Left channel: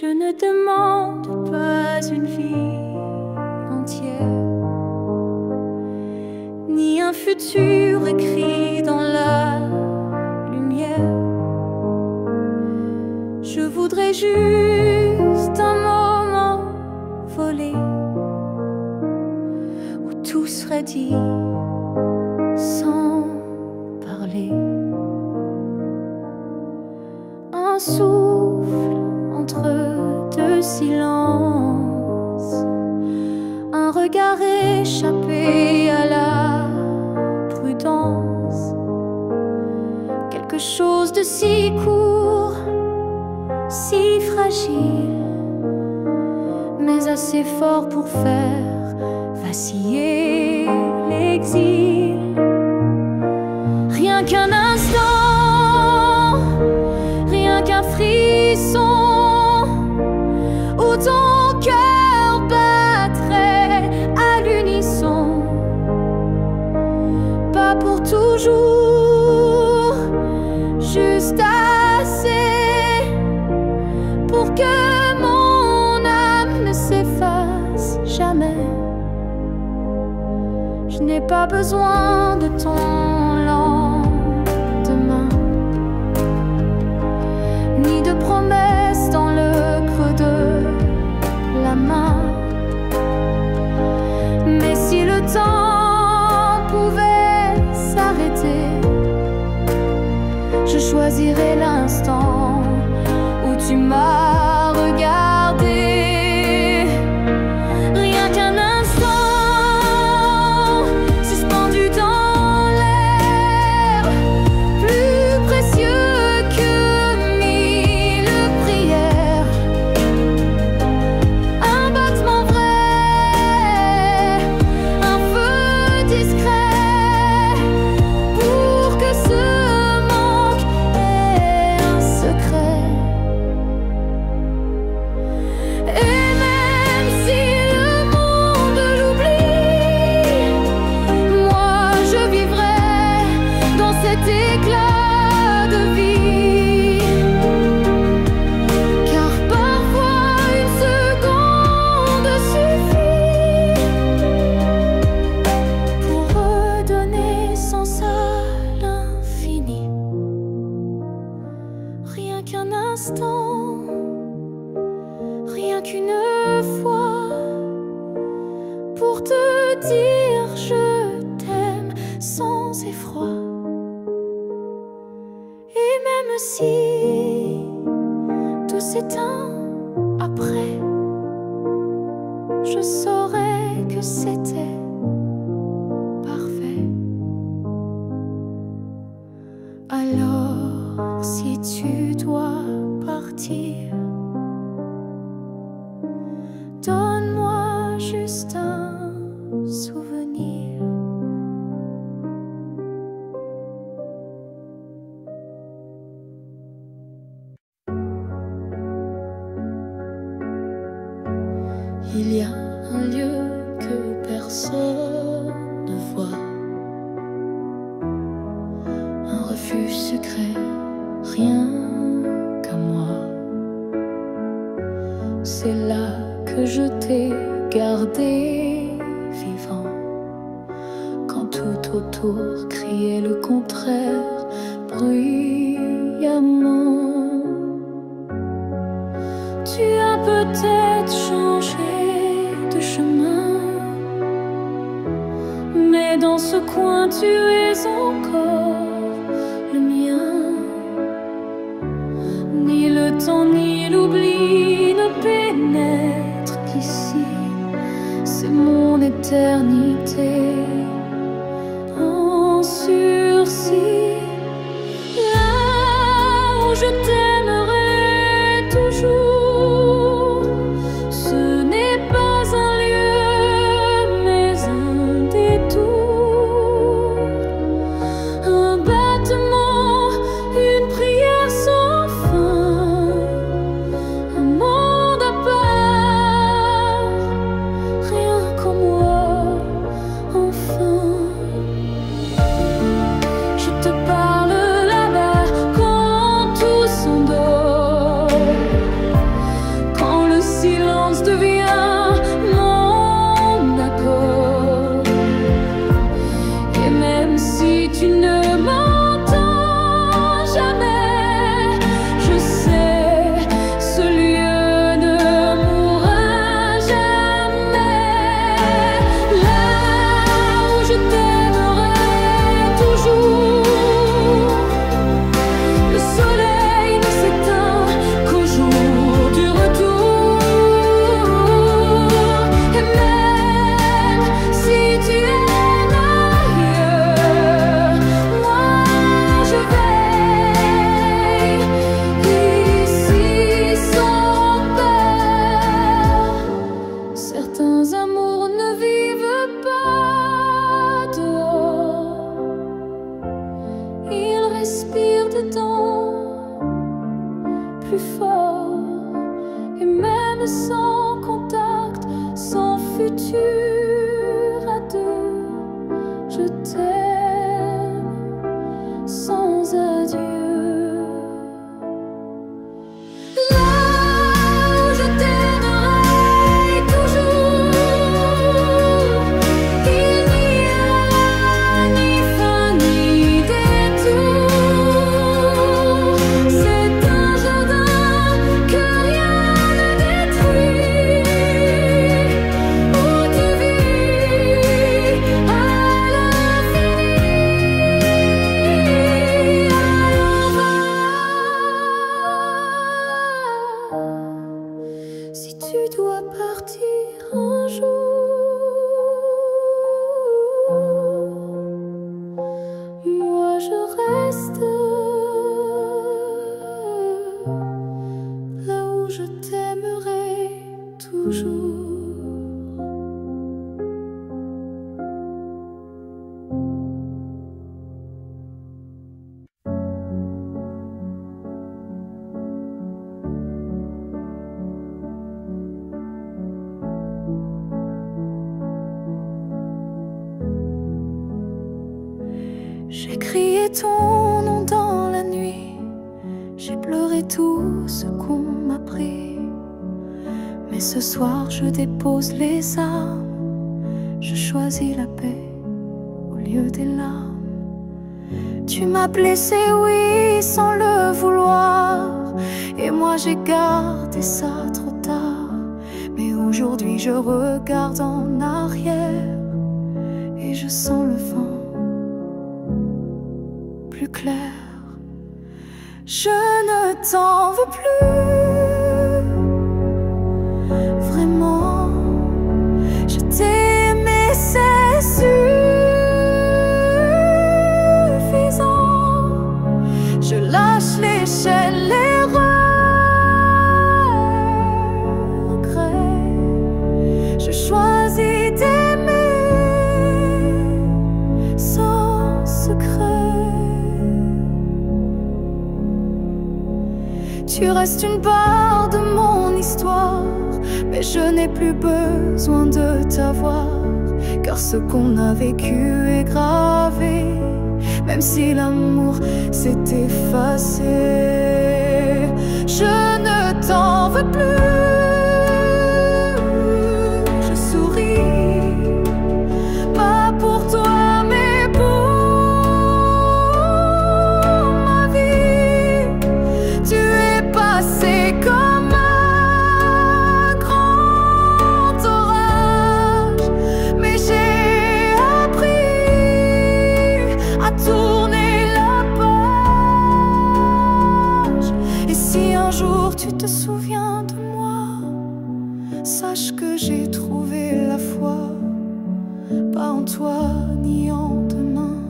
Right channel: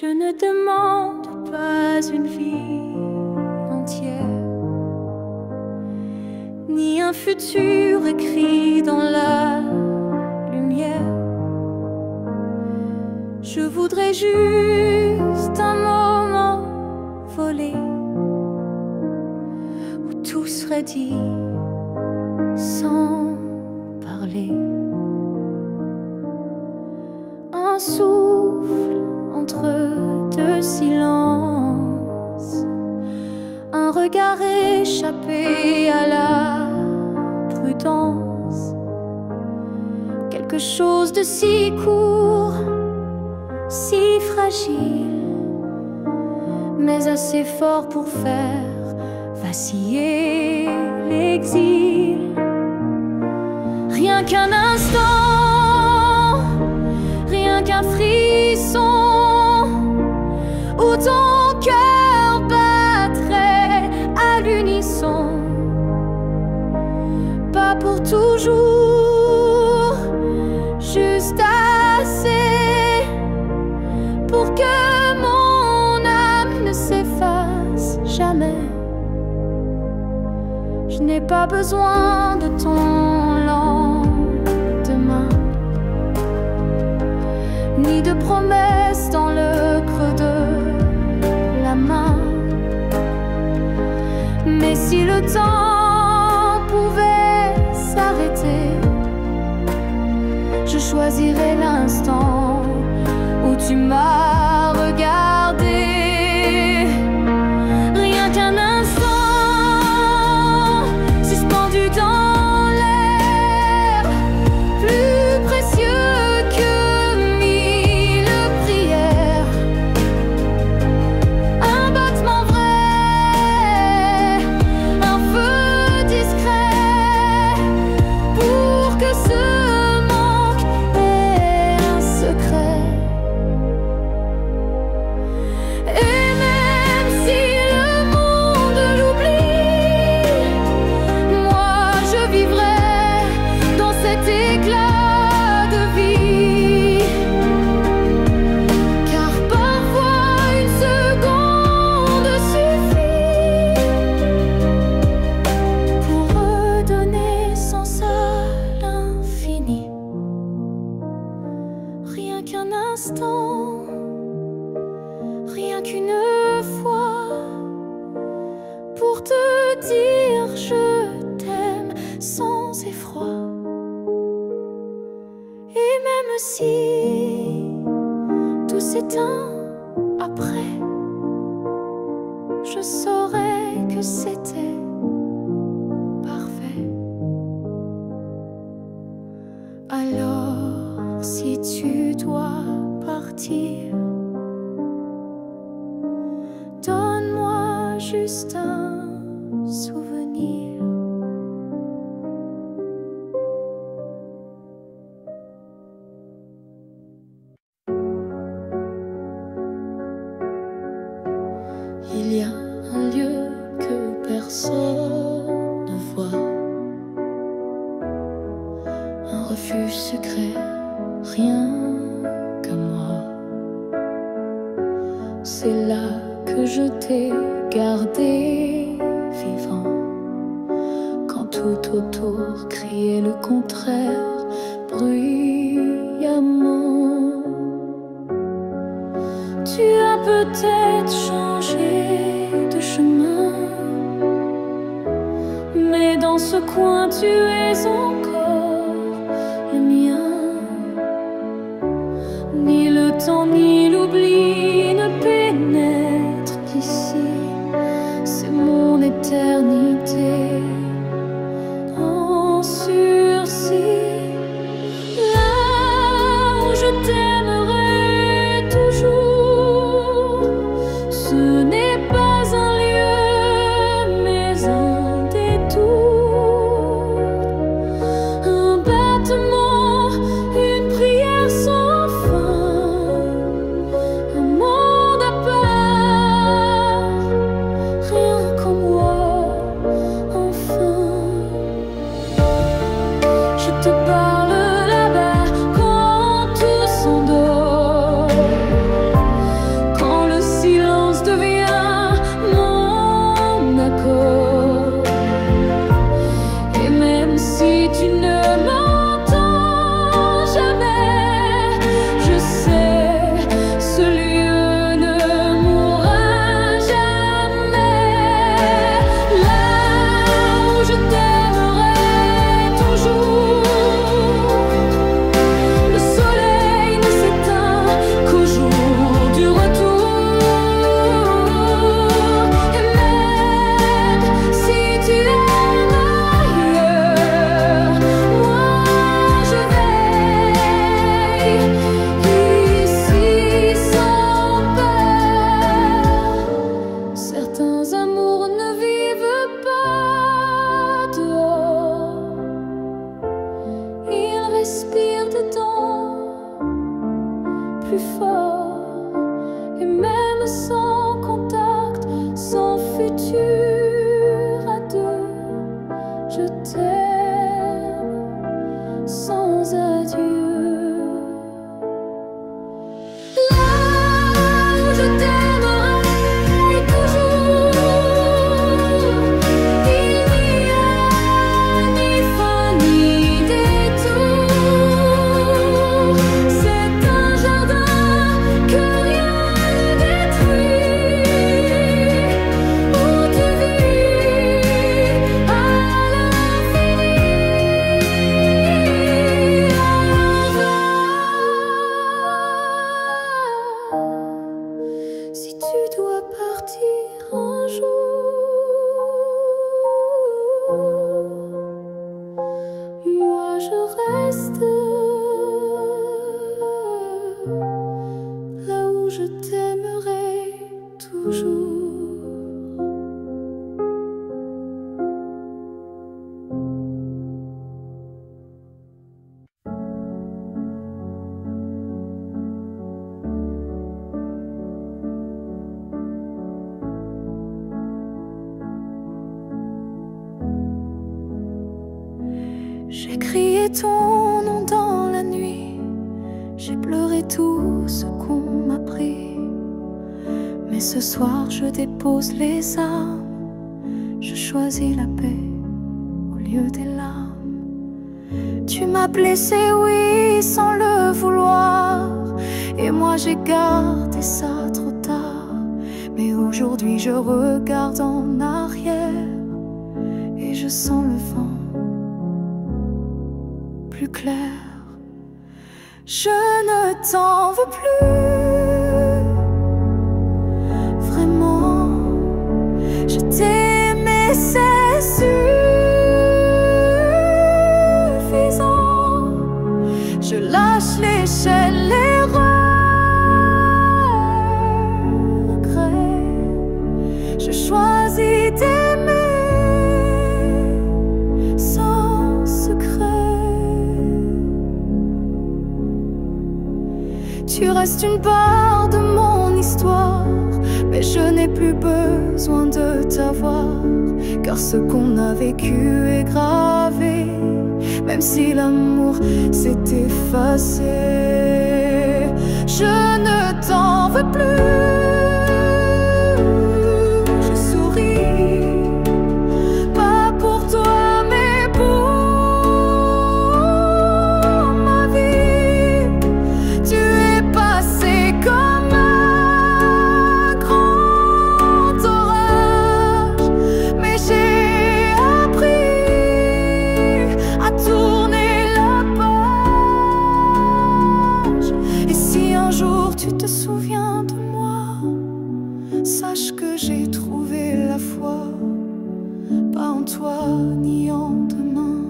Je ne demande pas une vie entière, ni un futur écrit dans la lumière. Je voudrais juste un moment volé où tout serait dit sans parler. Un souffle entre deux silences, un regard échappé à la prudence. Quelque chose de si court, si fragile, mais assez fort pour faire vaciller l'exil. Rien qu'un instant, rien qu'un frisson, où ton cœur battrait à l'unisson. Pas pour toujours, juste assez pour que mon âme ne s'efface jamais. Je n'ai pas besoin de ton lendemain, ni de promesses dans le creux de la main. Mais si le temps pouvait s'arrêter, je choisirais l'instant où tu m'as regardé. Rien qu'un instant, suspendu dans l'air, plus précieux que mille prières. Un battement vrai, un feu discret, pour que ce manque ait un secret. Et même si le monde l'oublie, moi je vivrai dans cet éclat de vie. Car parfois une seconde suffit pour redonner sens à l'infini. Rien qu'un instant, rien qu'une fois, pour te dire je t'aime sans effroi. Et même si tout s'éteint après, je saurais que c'était parfait. Alors si tu dois partir, donne-moi juste un souvenir. Il y a un lieu que personne ne voit, un refuge secret, rien qu'à moi. C'est là que je t'ai gardé vivant, quand tout autour criait le contraire bruyamment. Tu as peut-être changé de chemin, mais dans ce coin tu es encore le mien. Ni le temps ni l'oubli ne pénètrent ici, c'est mon éternité en sursis. Là où je t'aimerai toujours, ce n'est pas un lieu mais un détour, un battement, une prière sans fin, un monde à part, rien qu'en moi, enfin. Je te parle là-bas quand tout s'endort, si tu ne m'entends jamais, je sais, ce lieu ne mourra jamais. Là où je t'aimerai toujours, le soleil ne s'éteint qu'au jour du retour. Et même si tu aimes ailleurs, moi je veille ici sans peur. Certains amours ne vivent pas dehors, ils respirent dedans plus fort. Et même sans contact, sans futur à deux, je t'aime sans adieu. Là où je t'aimerai toujours, il n'y a ni fin ni détour. C'est un jardin que rien ne détruit, où tu vis à l'infini. Alors va, si tu dois partir un jour, moi je reste là où je t'aimerai toujours. J'ai crié ton nom dans la nuit, j'ai pleuré tout ce qu'on m'a pris. Mais ce soir je dépose les armes, je choisis la paix au lieu des larmes. Tu m'as blessé, oui, sans le vouloir, et moi j'ai gardé ça trop tard. Mais aujourd'hui je regarde en arrière et je sens le vent plus clair. Je ne t'en veux plus, vraiment. Je t'ai aimé, c'est suffisant. Je lâche l'échelle, les regrets. Je choisis d'aimer sans secret. Tu restes une part de mon histoire, mais je n'ai plus besoin de t'avoir, car ce qu'on a vécu est gravé, même si l'amour s'est effacé. Je ne t'en veux plus, je souris, pas pour toi mais pour ma vie. Tu es passé comme un grand orage, mais j'ai appris à tourner la page. Et si un jour tu te souviens de moi, sache que j'ai trouvé la foi, pas en toi ni en demain,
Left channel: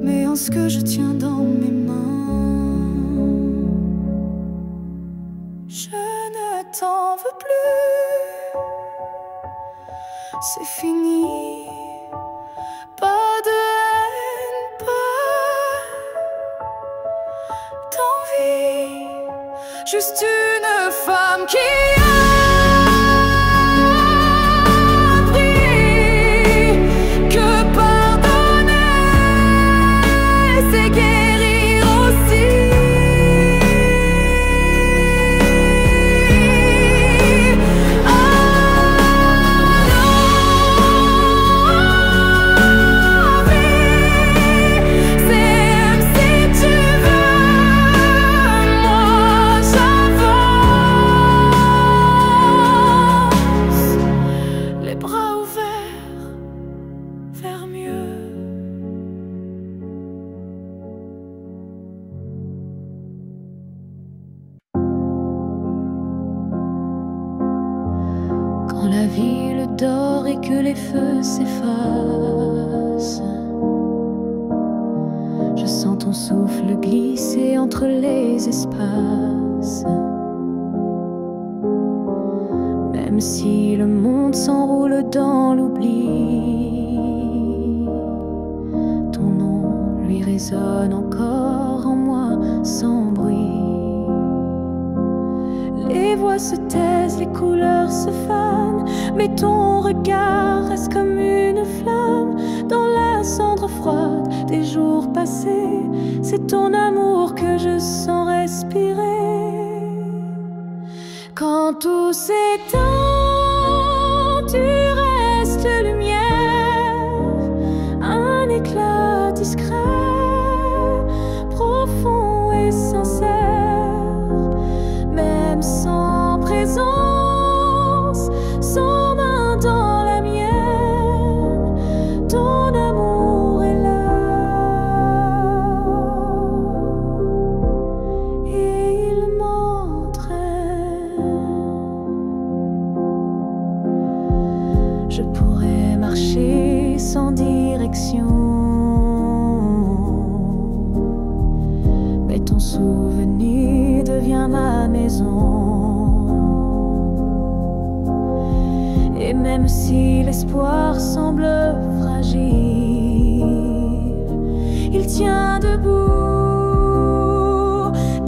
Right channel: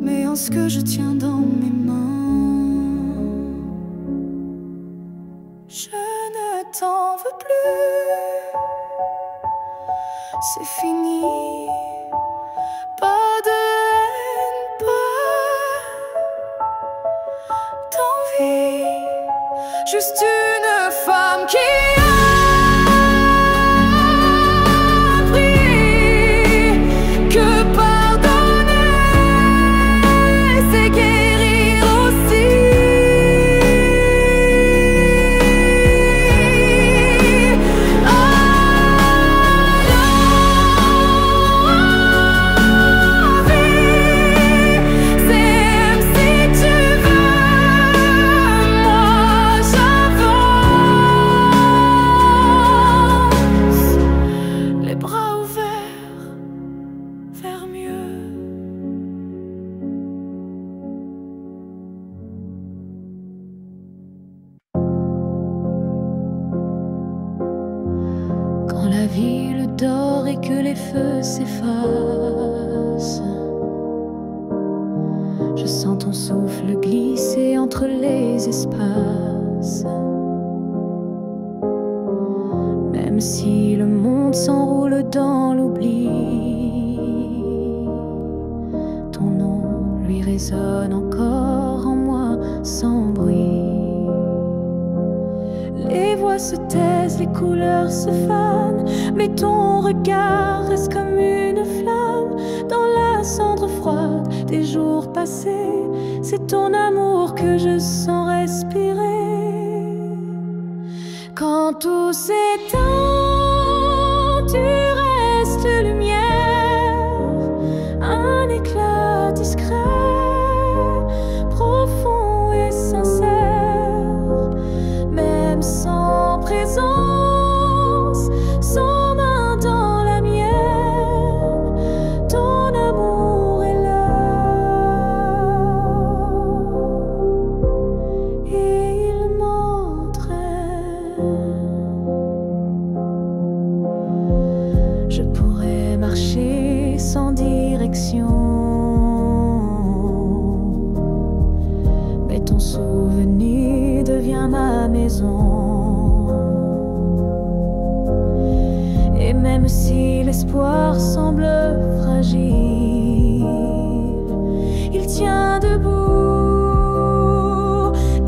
mais en ce que je tiens dans mes mains. Je ne t'en veux plus, c'est fini. Pas de haine, pas d'envie, juste une femme qui a appris que pardonner, c'est guérir aussi. Alors, vie, quand la ville dort et que les feux s'effacent. Je sens ton souffle glisser entre les espaces. Même si le monde s'enroule dans l'oubli, ton nom lui résonne encore en moi sans bruit. Les voix se taisent, les couleurs se fanent, mais ton regard reste comme une flamme dans la cendre froide des jours passés. C'est ton amour que je sens respirer. Quand tout s'éteint, tu restes lumière, un éclat discret, profond et sincère. Même sans présence, sans main dans la mienne, ton amour est là. Et il m'entraîne. Je pourrais marcher sans direction, mais ton souvenir devient ma maison. Et même si l'espoir semble fragile, il tient debout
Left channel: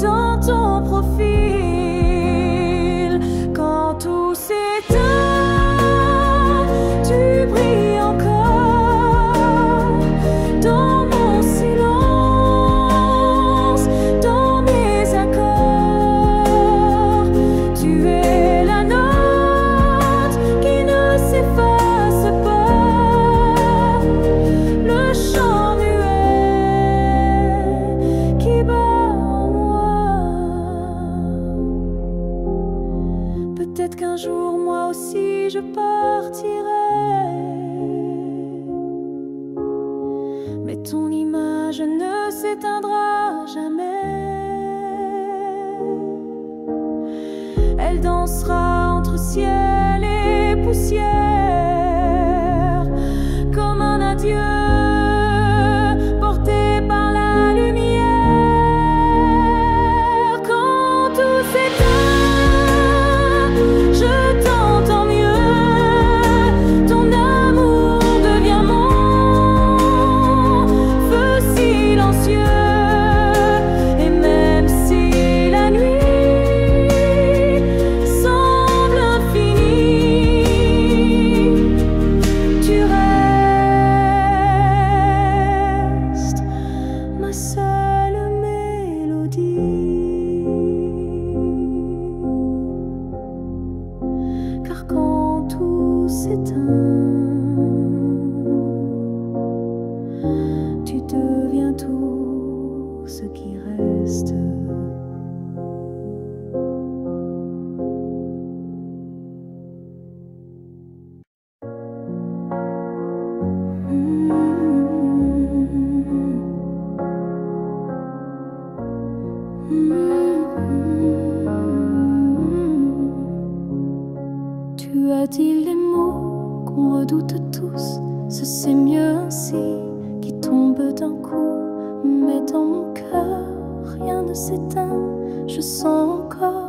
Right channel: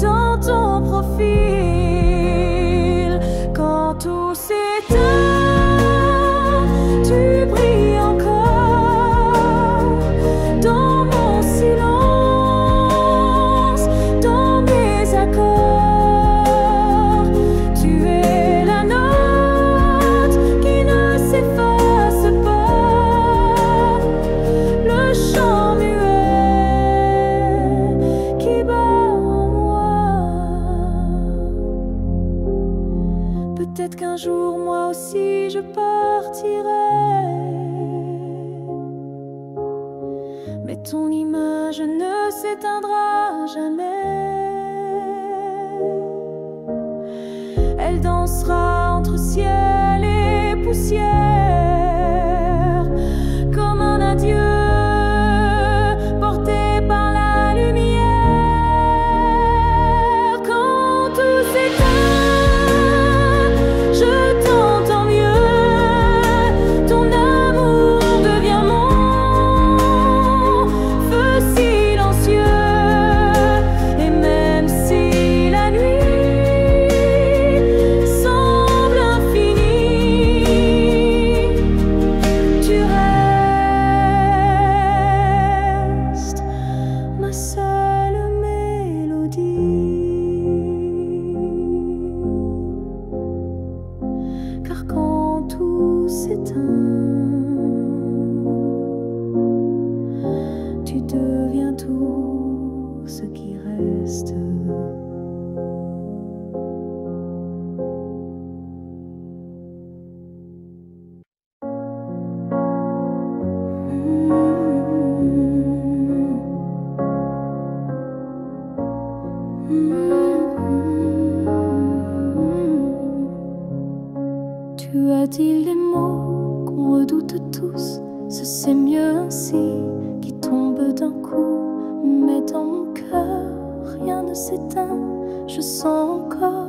dans ton profil. Quand tout s'éteint, tu brilles encore dans mon silence, dans mes accords. Tu es la note qui ne s'efface pas, le chant muet qui bat en moi. Peut-être qu'un jour moi aussi je partirai, mais ton image ne s'éteindra jamais. Elle dansera entre ciel et poussière, comme un adieu porté par la lumière. Quand tout s'éteint, je t'entends mieux, ton amour devient mon feu silencieux. Et même si la nuit semble infinie, tu restes ma seule mélodie. Car quand tout s'éteint, tu deviens tout ce qui reste. Tu as dit les mots qu'on redoute tous, ce c'est mieux ainsi, qui tombe d'un coup. Mais dans mon cœur, rien ne s'éteint, je sens encore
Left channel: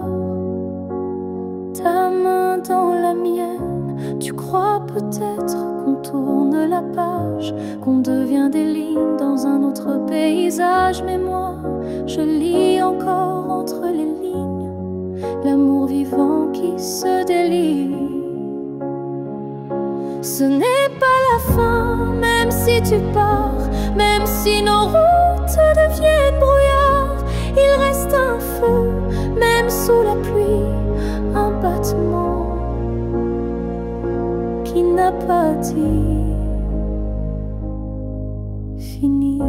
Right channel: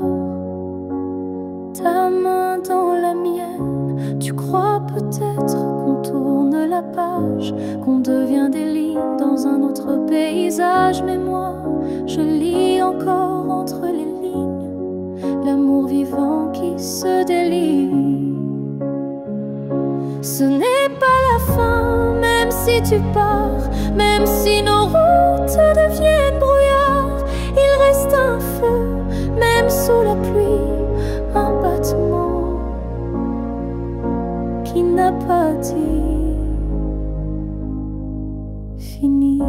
ta main dans la mienne. Tu crois peut-être qu'on tourne la page, qu'on devient des lignes dans un autre paysage. Mais moi, je lis encore entre les lignes l'amour vivant qui se délie. Ce n'est pas la fin, même si tu pars, même si nos routes deviennent brouillard. Il reste un feu, même sous la pluie, un battement qui n'a pas dit fini.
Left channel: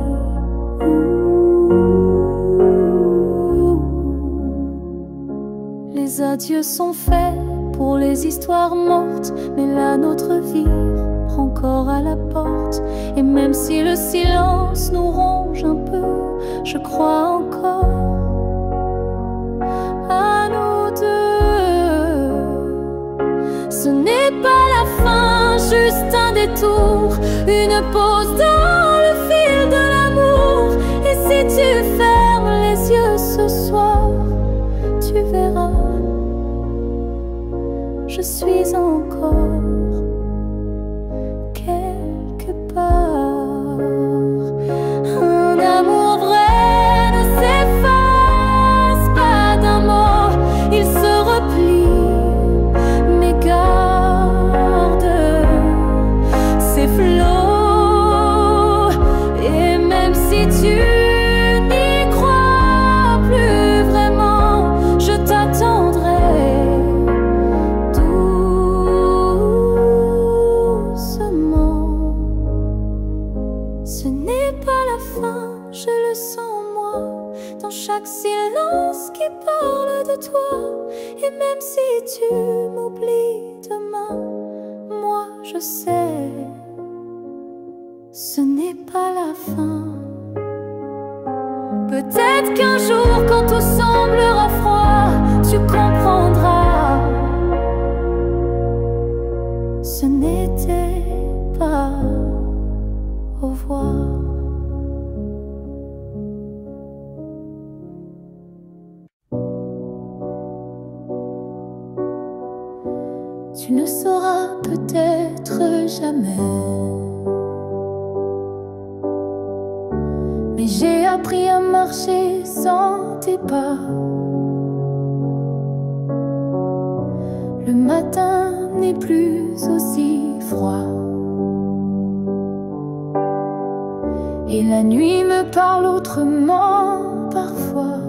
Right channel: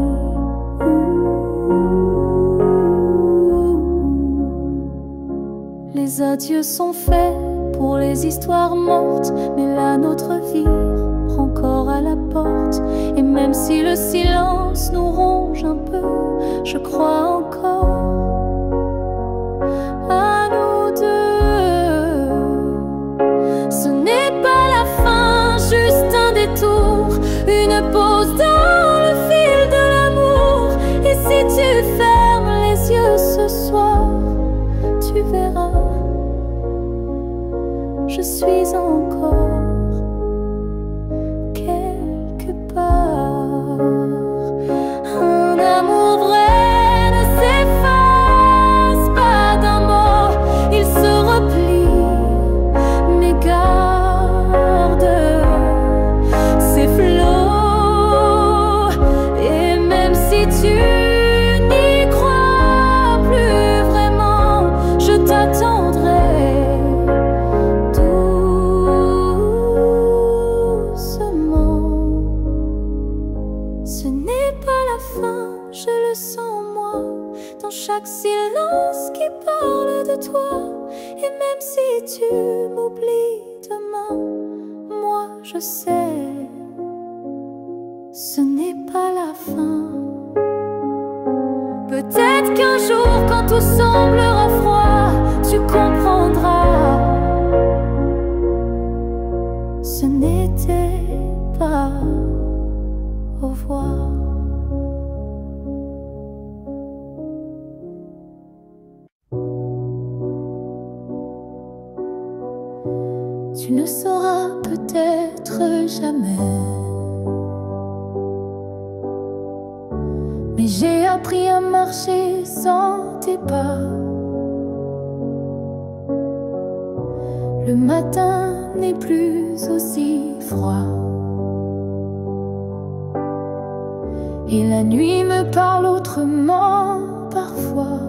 Les adieux sont faits pour les histoires mortes, mais la nôtre vire encore à la porte. Et même si le silence nous ronge un peu, je crois encore à nous deux. Ce n'est détour, une pause dans le fil de l'amour. Et si tu fermes les yeux ce soir, tu verras, je suis encore quelque part. Un amour vrai ne s'efface pas d'un mot, il se replie, mais garde ses flots. Et même si tu n'y crois plus vraiment, je t'attendrai doucement. Ce n'est pas la fin, je le sens moi, dans chaque silence qui parle de toi. Et même si tu m'oublies demain, moi je sais, ce n'est pas la fin. Peut-être qu'un jour, quand tout semblera froid, tu comprendras, ce n'était pas au revoir. Tu ne sauras peut-être jamais, mais j'ai appris à marcher sans tes pas. Le matin n'est plus aussi froid, et la nuit me parle autrement parfois.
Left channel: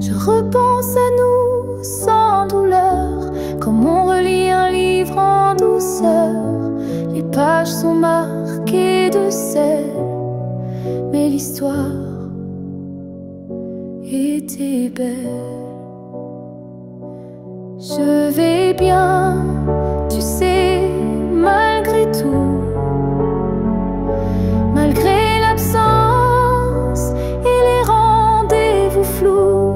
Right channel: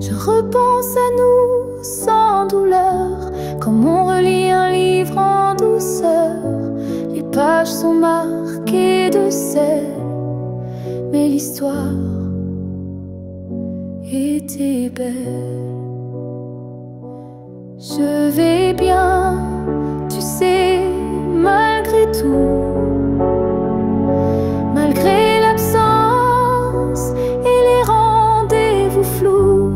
Je repense à nous sans douleur, comme on relit un livre en douceur. Les pages sont marquées de sel, mais l'histoire était belle. Je vais bien, tu sais, malgré tout, malgré l'absence et les rendez-vous flous.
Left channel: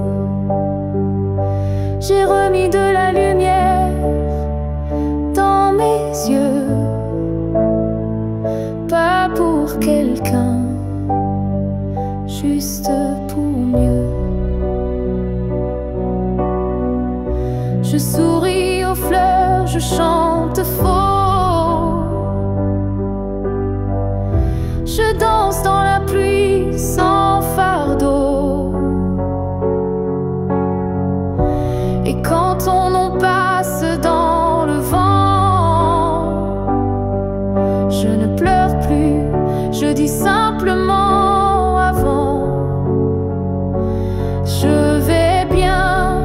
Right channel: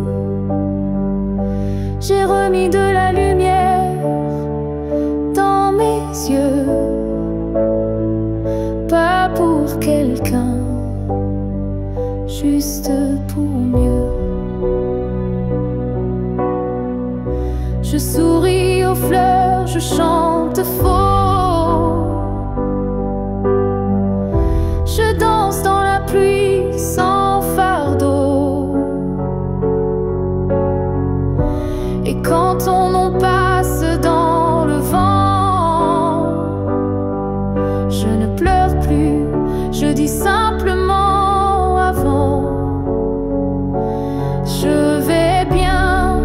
J'ai remis de la lumière dans mes yeux, pas pour quelqu'un, juste pour mieux. Je souris aux fleurs, je chante faux, je danse dans la pluie sans fardeau. Et quand on en passe dans le vent, je ne pleure plus, je dis simplement avant. Je vais bien,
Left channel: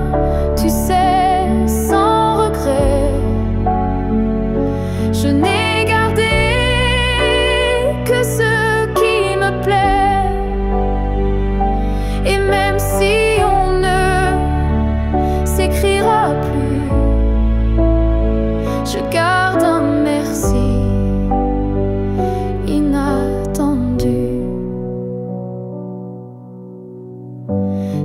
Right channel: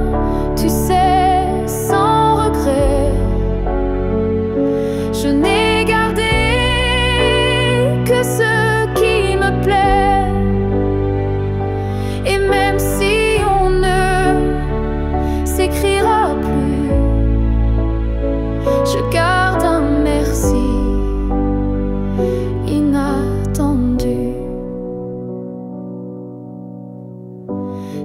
tu sais, sans regret. Je n'ai gardé que ce qui me plaît. Et même si on ne s'écrira plus, je garde un merci inattendu.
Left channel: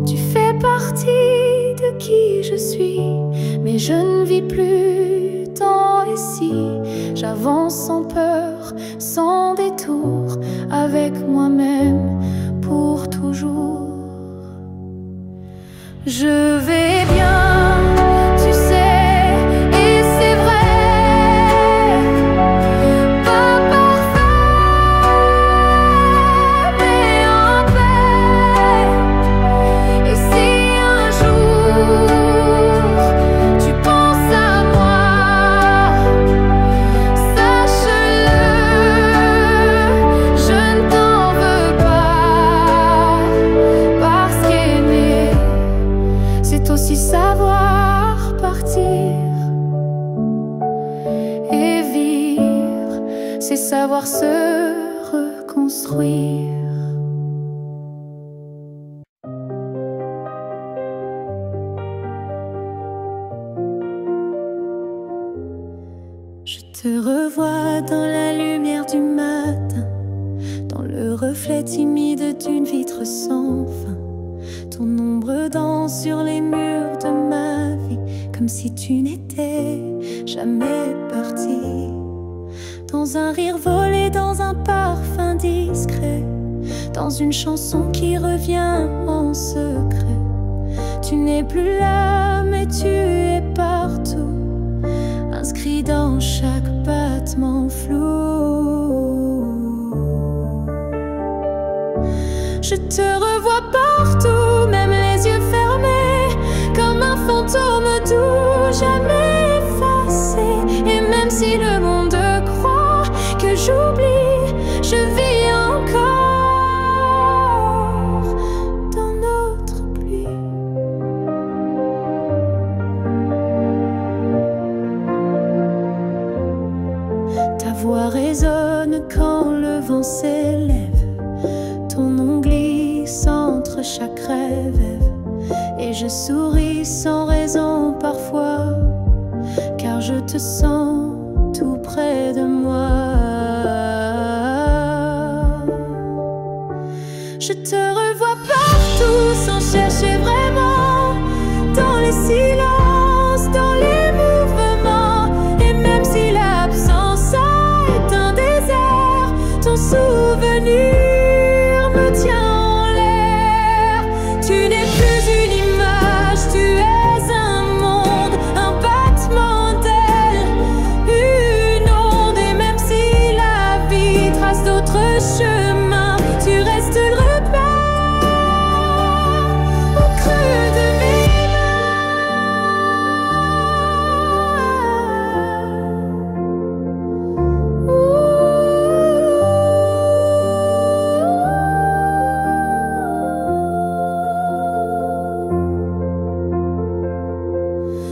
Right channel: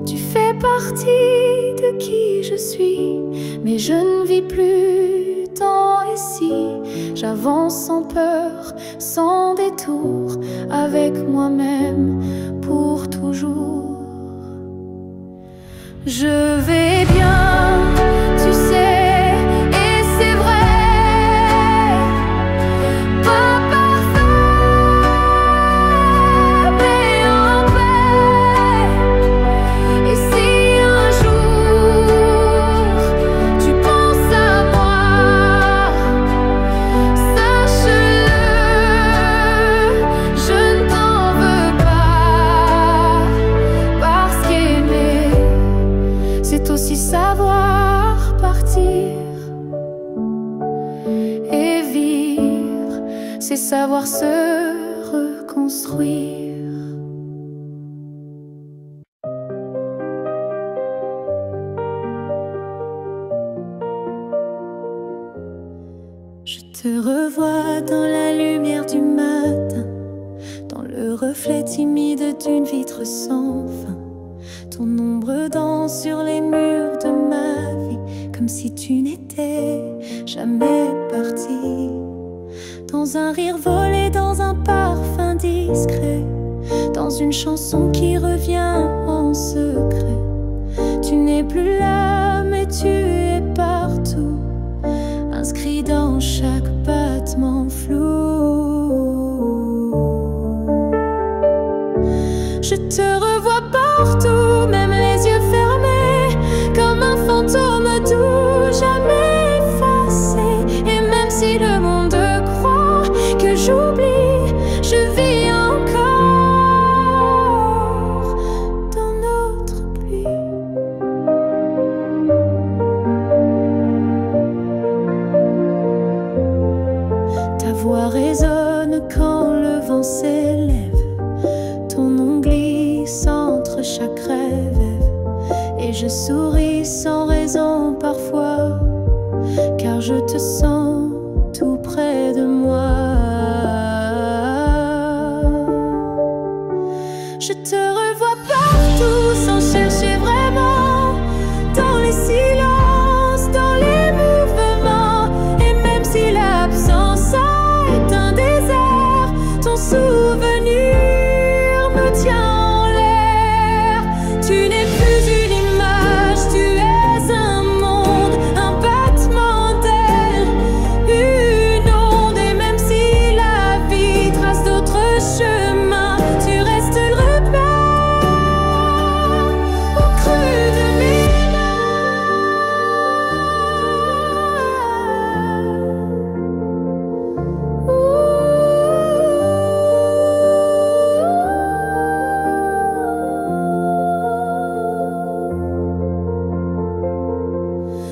Tu fais partie de qui je suis, mais je ne vis plus tant ici. J'avance sans peur, sans détour, avec moi-même pour toujours. Je vais bien, tu sais, et c'est vrai. Pas parfait, mais en paix. Et si un jour tu penses à moi, sache-le, je ne t'en veux pas. Parce qu'aimer, c'est aussi savoir partir. Et vivre, c'est savoir se reconstruire. Je te revois dans la lumière du matin, dans le reflet timide d'une vitre sans fin. Ton ombre danse sur les murs de ma vie, comme si tu n'étais jamais parti. Dans un rire volé, dans un parfum discret, dans une chanson qui revient en secret. Tu n'es plus là, mais tu es partout, inscrit dans chaque battement flou. Je te revois partout, même les yeux fermés, comme un fantôme doux, jamais effacé. Et même si le monde croit que j'oublie, je vis encore dans notre pluie. Ta voix résonne quand le vent s'élève, ton nom glisse entre chaque rêve, et je souris sans raison parfois, car je te sens tout près de moi. Je te revois partout sans chercher vraiment, dans les silences, dans les mouvements. Et même si l'absence est un désert, ton souvenir me tient en l'air. Tu n'es plus une image, tu es un monde, un battement d'aile, une onde. Et même si la vie trace d'autres chemins, tu restes le repère au creux de mes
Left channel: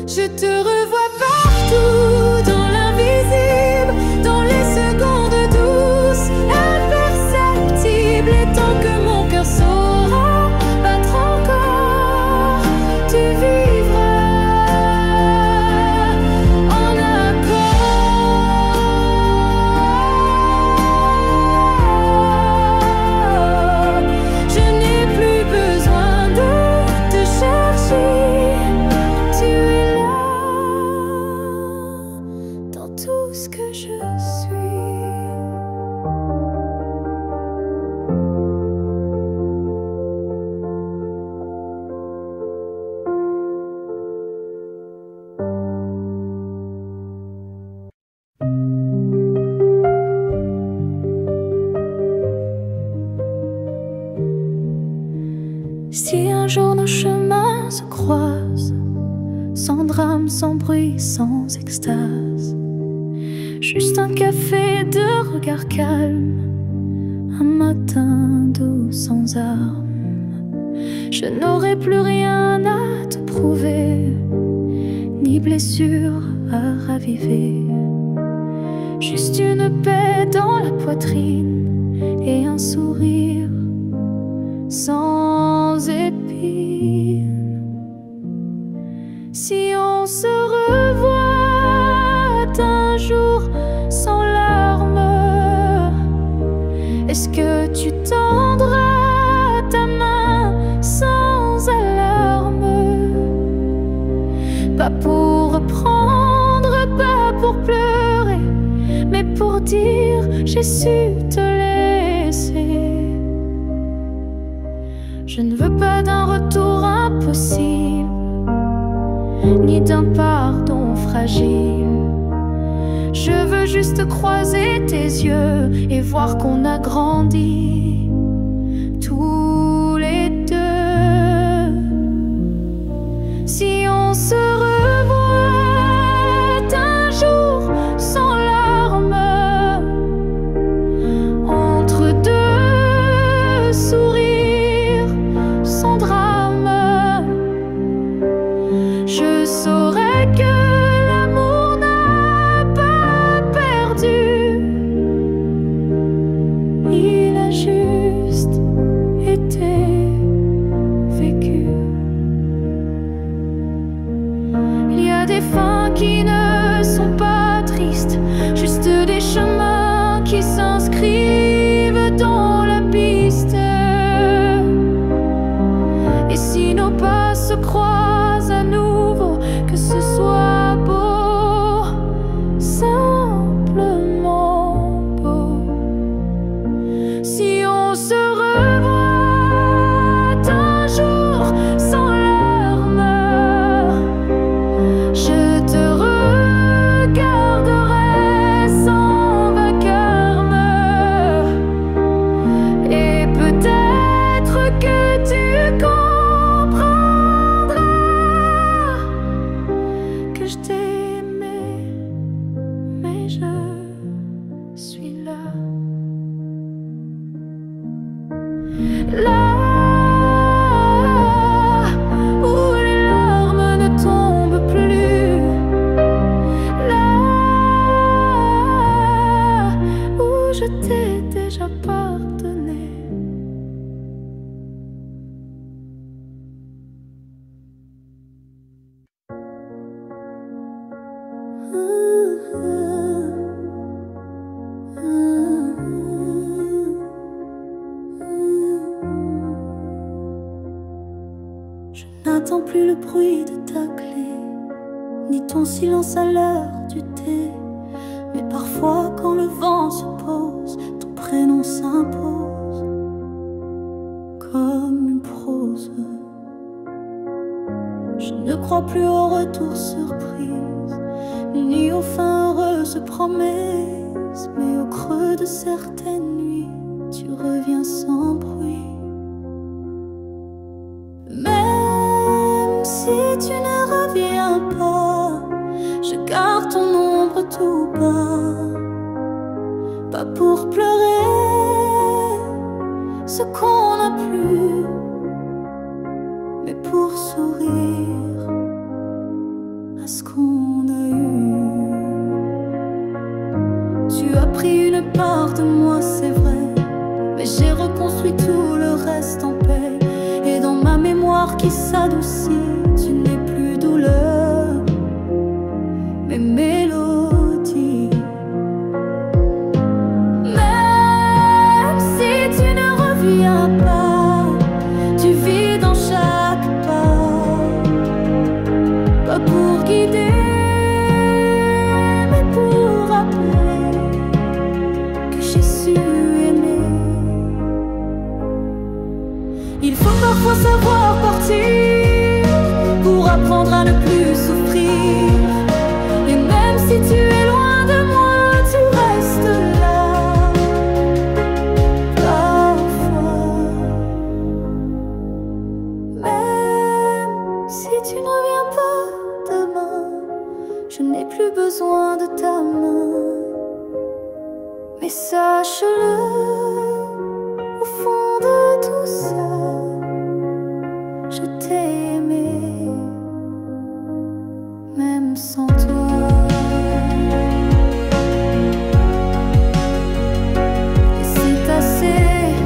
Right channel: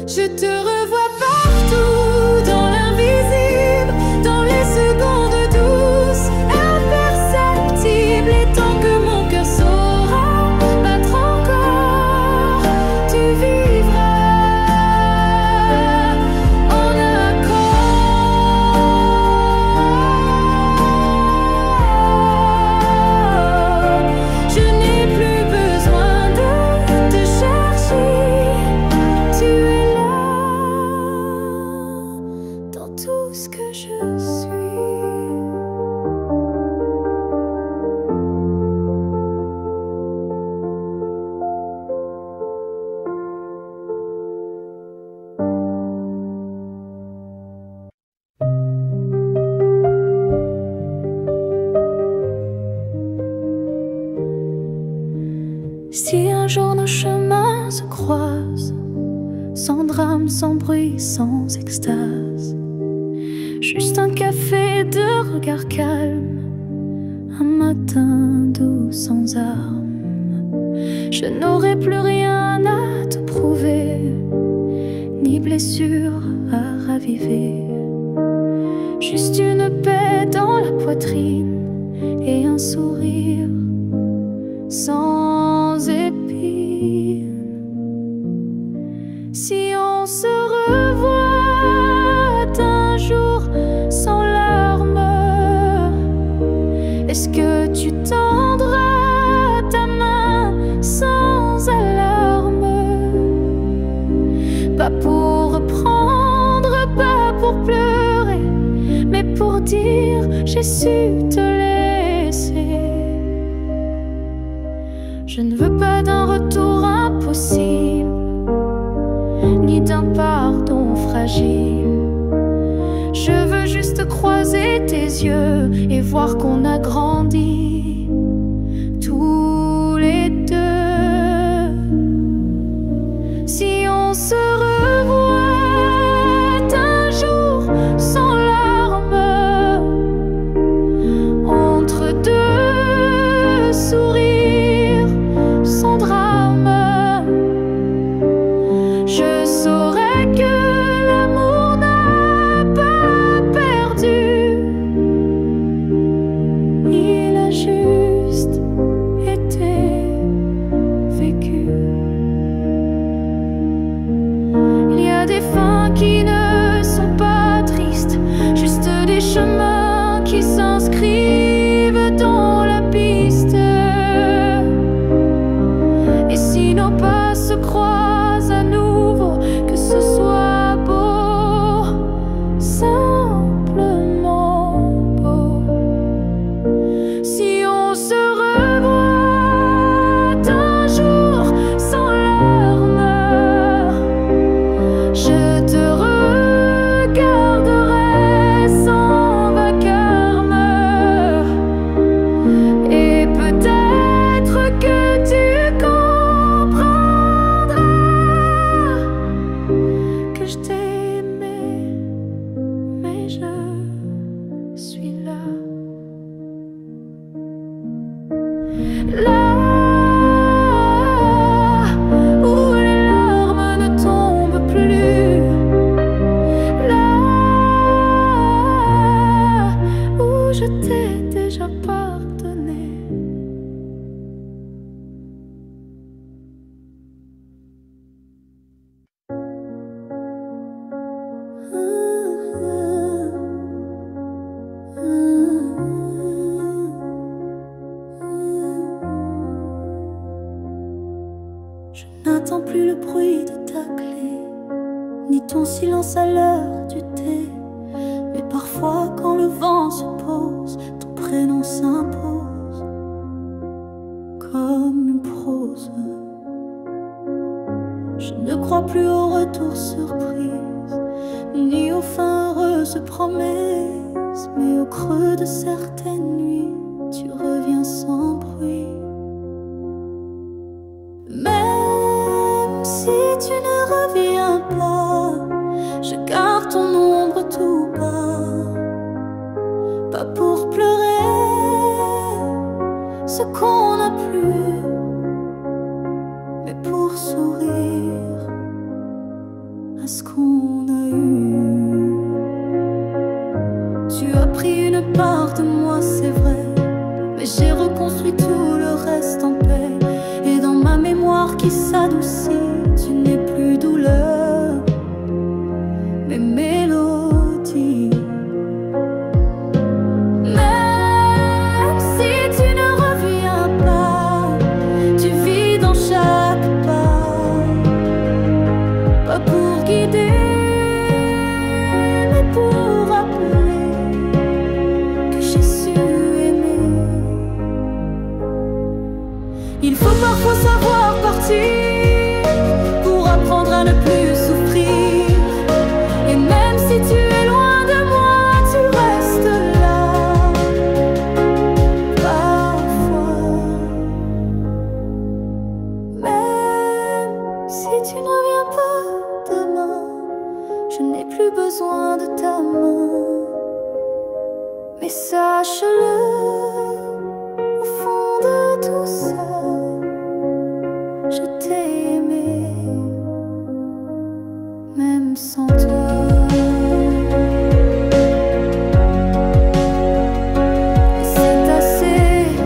Je te revois partout, dans l'invisible, dans les secondes douces, imperceptibles. Et tant que mon cœur saura battre encore, tu vivras en accord. Je n'ai plus besoin de te chercher, tu es là dans tout ce que je suis. Si un jour nos chemins se croisent, sans drame, sans bruit, sans extase, juste un café de regard calme, un matin doux sans armes, je n'aurai plus rien à te prouver, ni blessure à raviver, juste une paix dans la poitrine et un sourire sans épines. Si on se revoit un jour sans larmes, est-ce que tu tendras ta main sans alarme? Pas pour reprendre, pas pour pleurer, mais pour dire j'ai su te laisser. Je ne veux pas d'un retour impossible, ni d'un pardon fragile. Je veux juste croiser tes yeux et voir qu'on a grandi tous les deux. Si on se revoit un jour sans larmes, entre deux sourires sans drame, je saurais que l'amour n'a pas perdu. Il a juste été vécu. Il y a des fins qui ne sont pas tristes, juste des chemins qui s'inscrivent dans la piste. Et si nos pas se croisent à nouveau, que ce soit beau, simplement beau. Si on se revoit un jour sans larmes, je te regarderai sans vacarme, et peut-être que tu comprendras que je t'ai aimé, mais je suis là. Là où les larmes ne tombent plus, là où je t'ai déjà pardonné. Je n'attends plus le bruit de ta clé, ni ton silence à l'heure du thé. Mais parfois quand le vent se pose, ton prénom s'impose comme une prose. Je ne crois plus au retour surprise, ni aux fins heureuses promesses, mais au creux de certaines nuits, tu reviens sans bruit. Même si tu ne reviens pas, je garde ton ombre tout bas, pas pour pleurer ce qu'on n'a plus, mais pour sourire à ce qu'on a eu. Tu as pris une part de moi, c'est vrai, mais j'ai reconstruit tout le reste en paix. Et dans ma mémoire qui s'adoucit, tu n'es plus douleur, mais mélodie. Même si tu ne reviens pas, tu vis dans chaque pas, pas pour guider, mais pour rappeler que j'ai su aimer. Il faut parfois savoir partir pour apprendre à ne plus souffrir. Et même si tu es loin de moi, tu restes là. Parfois, même si tu ne reviens pas demain, je n'ai plus besoin de ta main. Mais sache-le, au fond de tout ça, je t'ai aimé, même sans toi. Et c'est assez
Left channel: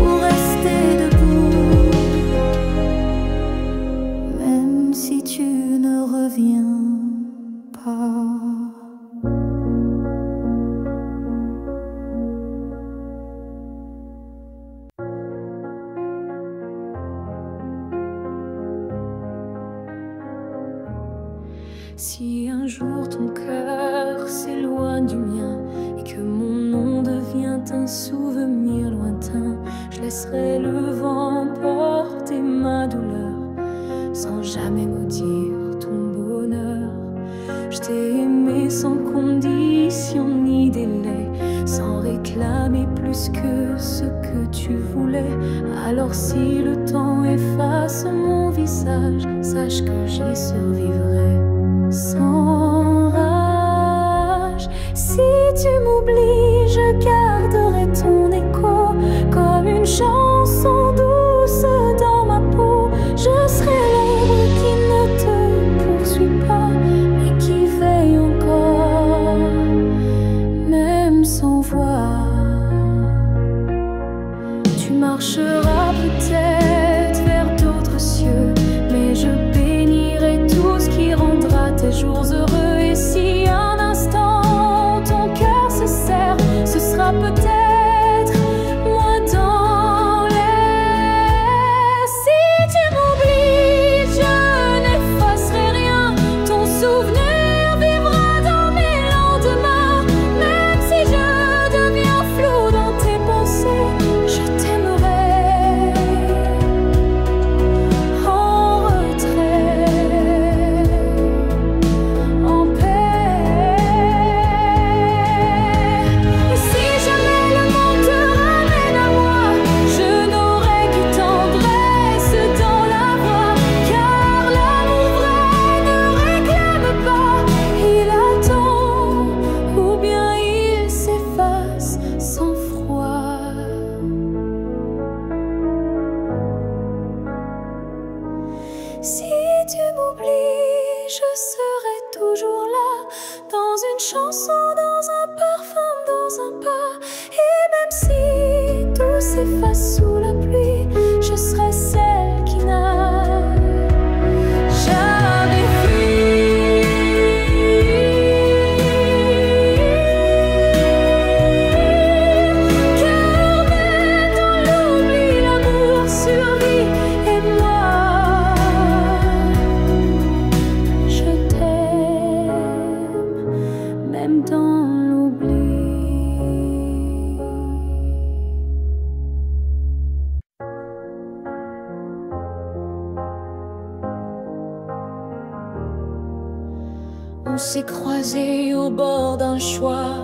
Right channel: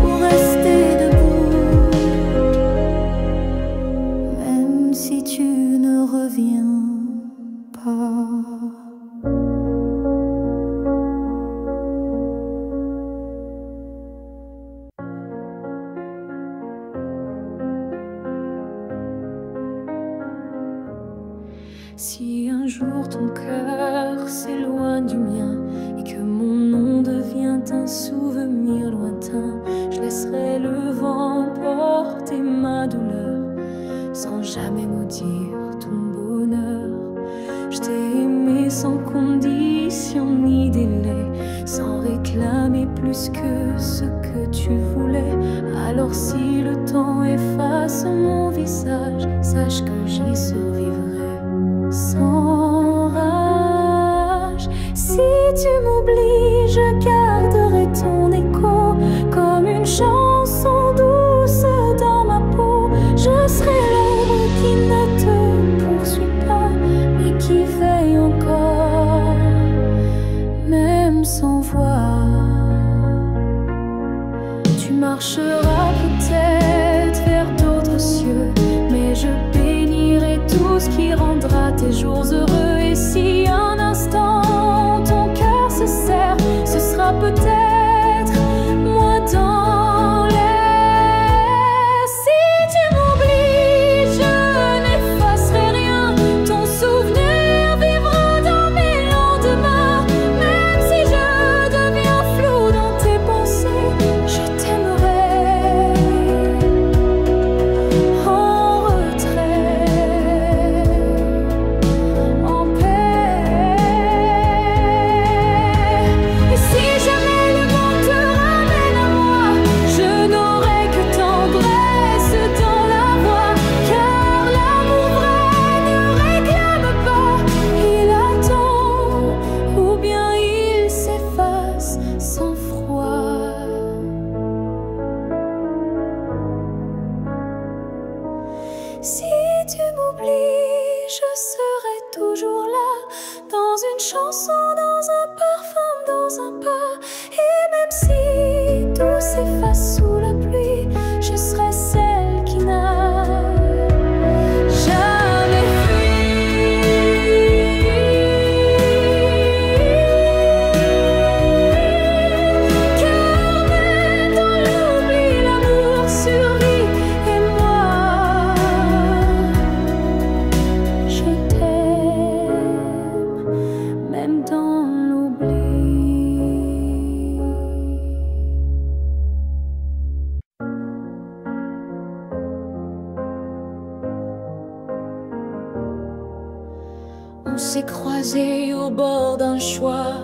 pour rester debout, même si tu ne reviens pas. Si un jour ton cœur s'éloigne du mien et que mon nom devient un souvenir lointain, je laisserai le vent porter ma douleur sans jamais maudire ton bonheur. Je t'ai aimé sans condition ni délai, sans réclamer plus que ce que tu voulais. Alors si le temps efface mon visage, sache que j'y survivrai sans rage. Si tu m'oublies, je garderai ton écho comme une chanson douce dans ma peau. Je serai l'ombre qui ne te poursuit pas, mais qui veille encore, même sans voix. Tu marcheras peut-être vers d'autres cieux, mais je bénirai tout ce qui rendra tes jours heureux. Et si un instant ton cœur se serre, ce sera peut-être moi dans les cieux. s'efface sous la pluie, je serai celle qui n'a jamais fui. Car même dans l'oubli, l'amour survit, et moi, je t'aime, même dans l'oubli. On s'est croisés au bord d'un choix,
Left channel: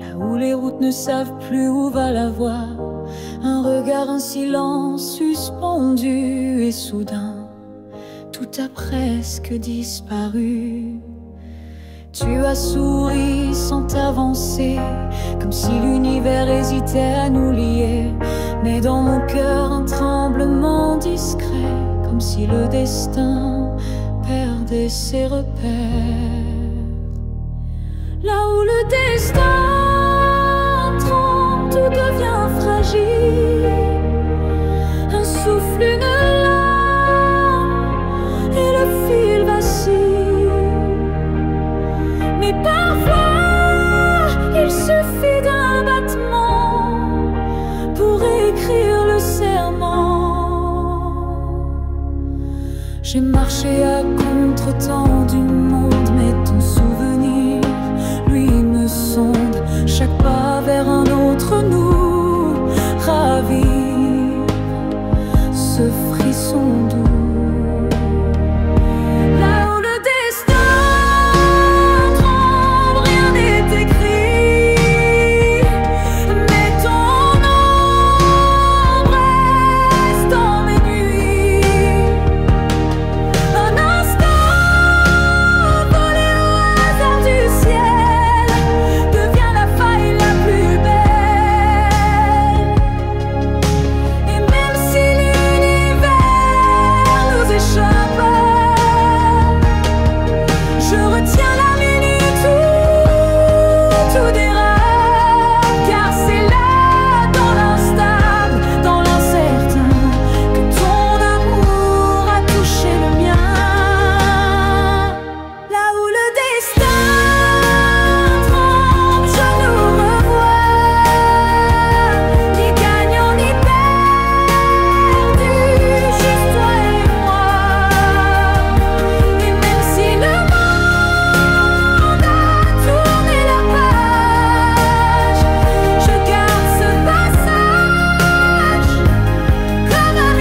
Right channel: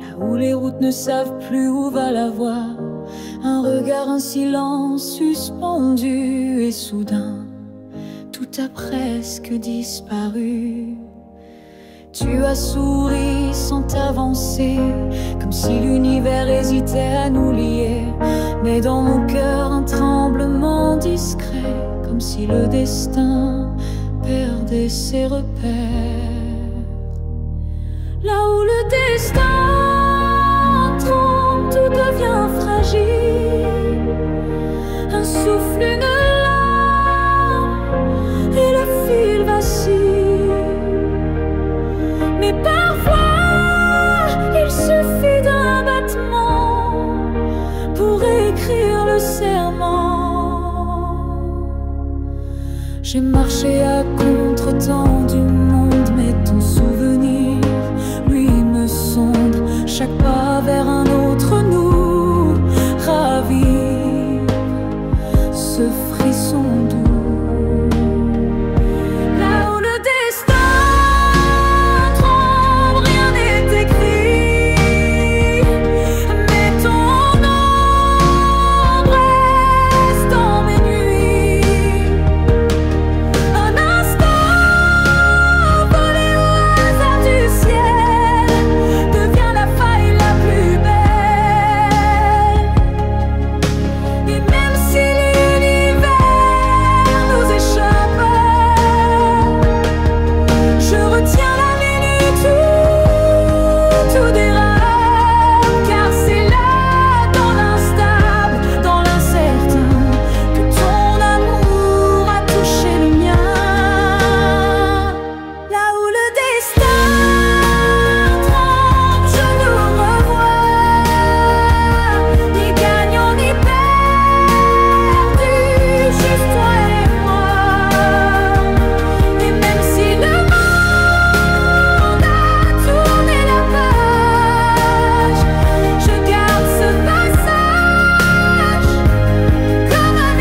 là où les routes ne savent plus où va la voie. Un regard, un silence suspendu, et soudain, tout a presque disparu. Tu as souri sans t'avancer, comme si l'univers hésitait à nous lier. Mais dans mon cœur, un tremblement discret, comme si le destin perdait ses repères. Là où le destin tremble, tout devient fragile. Un souffle, une larme, et le fil vacille. Mais parfois, il suffit d'un battement pour écrire le serment. J'ai marché à contre-temps du monde, mais ton souvenir, lui, me sonde. Chaque pas vers un autre nous ravive ce frisson doux. Là où le destin tremble, rien n'est écrit, mais ton ombre reste dans mes nuits. Un instant volé au hasard du ciel devient la faille la plus belle. Et même si l'univers nous échappe, je retiens la minute où tout dérape. Car c'est là, dans l'instable, dans l'incertain, que ton amour a touché le mien. Là où le destin tremble, je nous revois, ni gagnant ni perdu, juste toi et moi. Et même si le monde a tourné la page, je garde ce passage comme un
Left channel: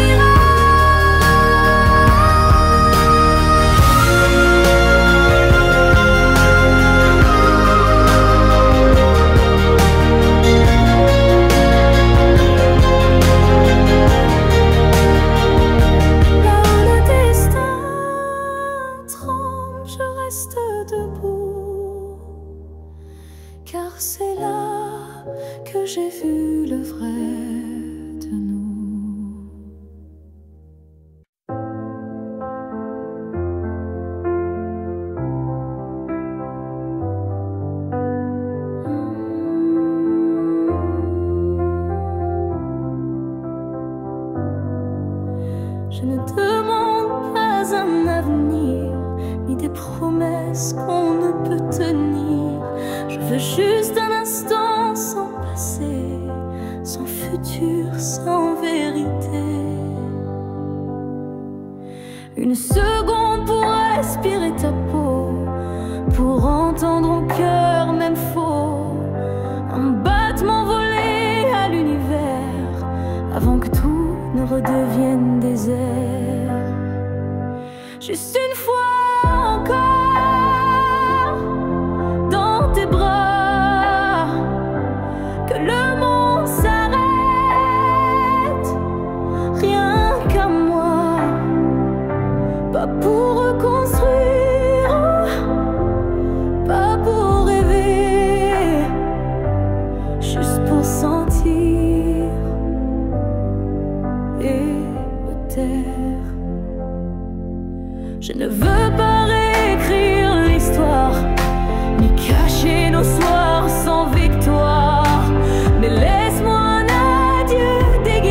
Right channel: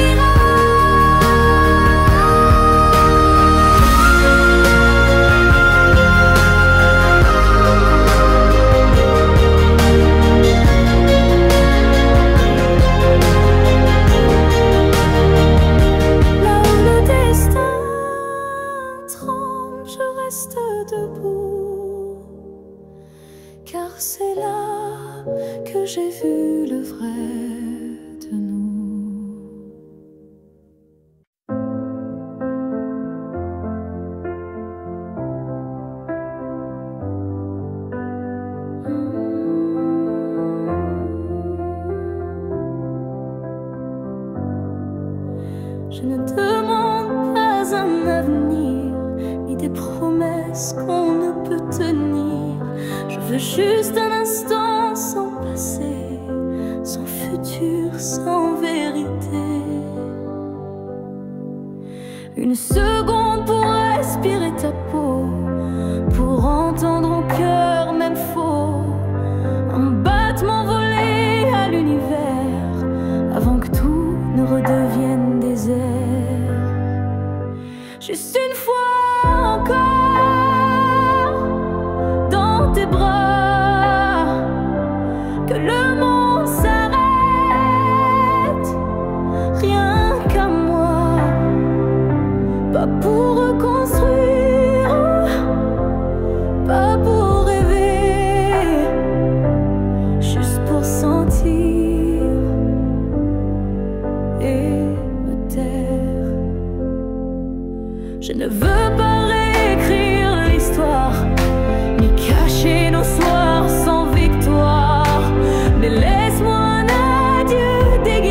Là où le destin tremble, je reste debout, car c'est là que j'ai vu le vrai de nous. Je ne demande pas un avenir, ni des promesses qu'on ne peut tenir. Je veux juste un instant sans passé, sans futur, sans vérité. Une seconde pour respirer ta peau, pour entendre au cœur même faux un battement volé à l'univers, avant que tout ne redevienne désert. Juste une fois encore dans tes bras, que le monde s'arrête, rien qu'à moi. Pas pour reconstruire, pas pour rêver, juste pour sentir et me taire. Je ne veux pas réécrire l'histoire, ni cacher nos soirs sans victoire, mais laisse-moi un adieu déguisé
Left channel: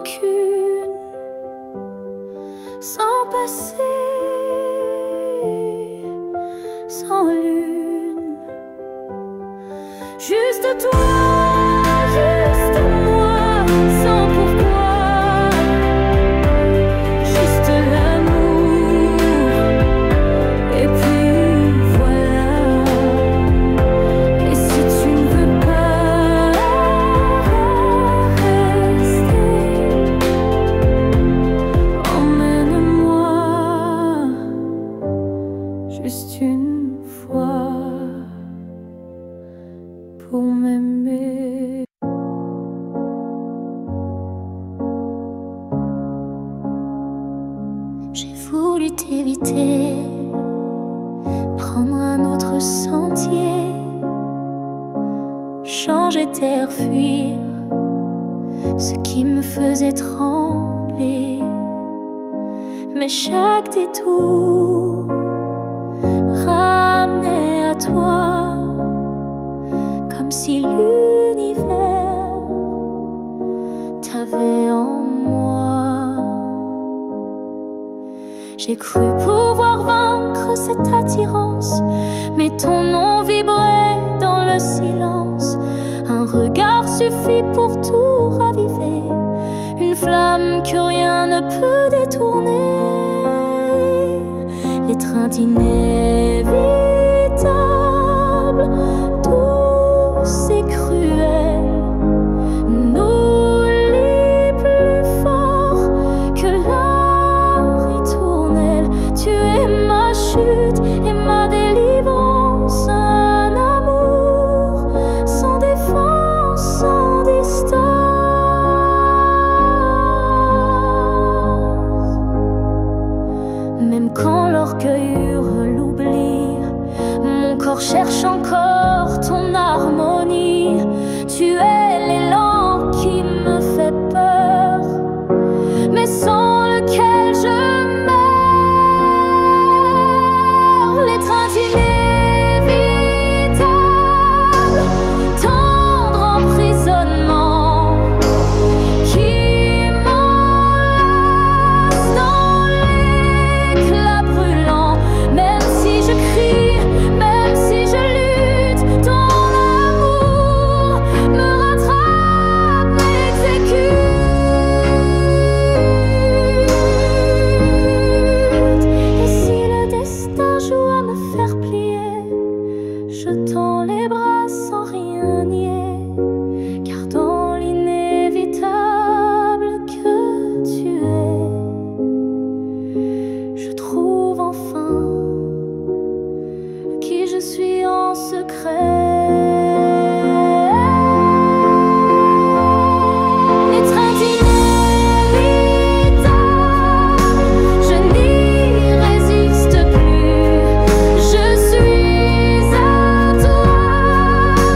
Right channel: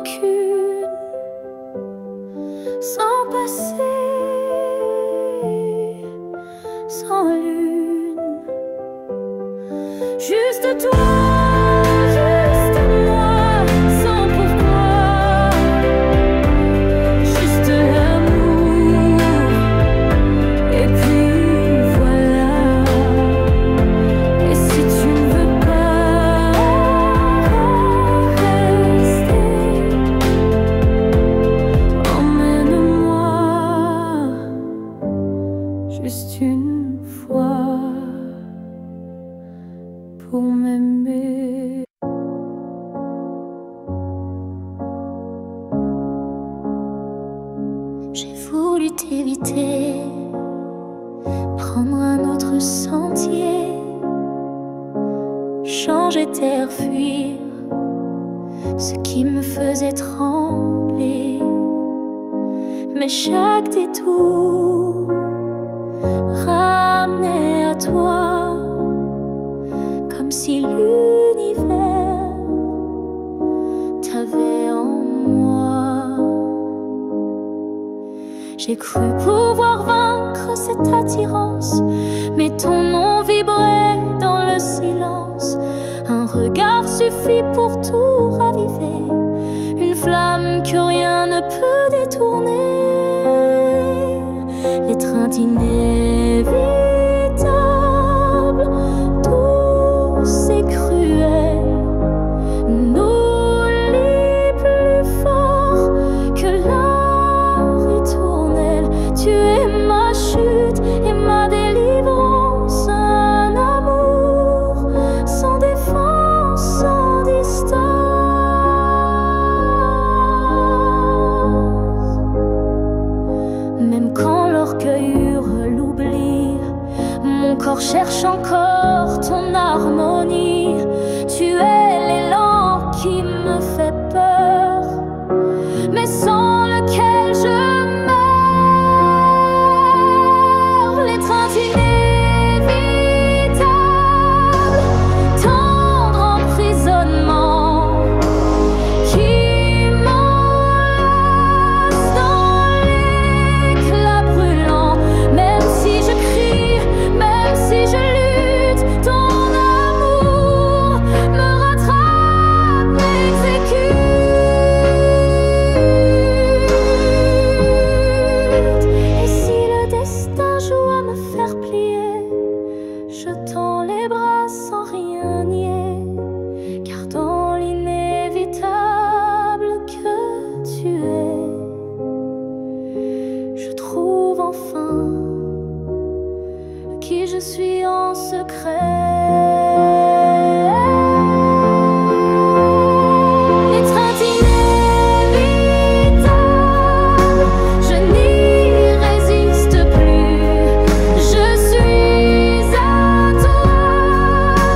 rancune, sans passé, sans lune. Juste toi, juste moi, sans pourquoi. Juste l'amour, et puis voilà. Et si tu ne veux pas rester, emmène-moi juste une fois pour m'aimer. J'ai voulu t'éviter, prendre un autre sentier, changer d'air, fuir ce qui me faisait trembler. Mais chaque détour ramenait à toi, comme si l'univers t'avait en moi. J'ai cru pouvoir vaincre cette attirance, mais ton nom vibrait dans le silence. Un regard suffit pour tout raviver, une flamme que rien ne peut détourner. L'étreinte inévitable, douce et cruelle, nous lie plus fort que la ritournelle. Tu es ma chute et ma délivrance, un amour sans défense, sans distance. Même quand l'orgueil hurle l'oubli, mon corps cherche encore ton harmonie. Tu es l'élan qui me fait peur, mais sans lequel je meurs. L'étreinte inévitable, tendre emprisonnement, qui m'enlace dans l'éclat brûlant. Même si je crie, même si je lutte, ton amour me rattrape, m'exécute. Et si le destin joue à me faire plier, je tends les bras sans rien nier, car dans l'inévitable que tu es, je trouve enfin qui je suis en secret. L'étreinte inévitable, je n'y résiste plus. Je suis à toi,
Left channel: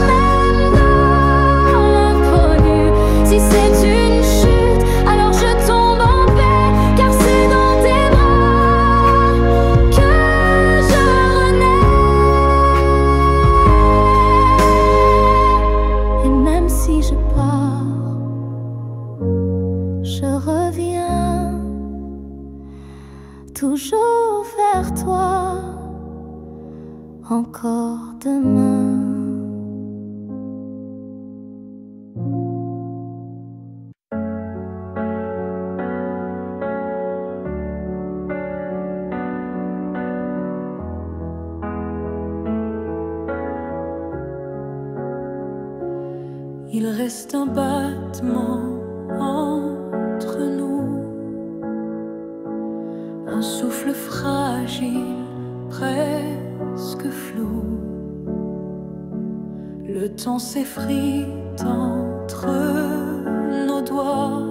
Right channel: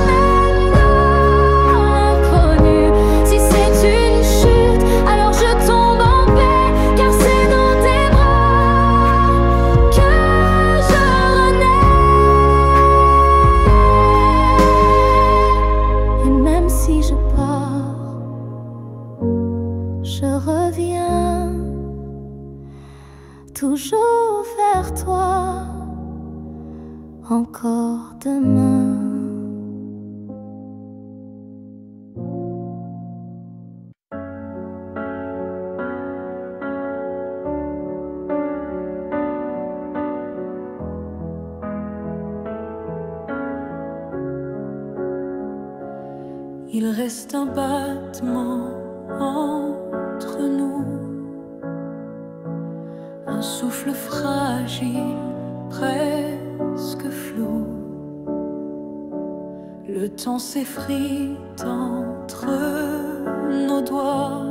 même dans l'inconnu. Si c'est une chute, alors je tombe en paix, car c'est dans tes bras que je renais. Et même si je pars, je reviens toujours vers toi, encore demain. Il reste un battement entre nous, un souffle fragile, presque flou. Le temps s'effrite entre nos doigts,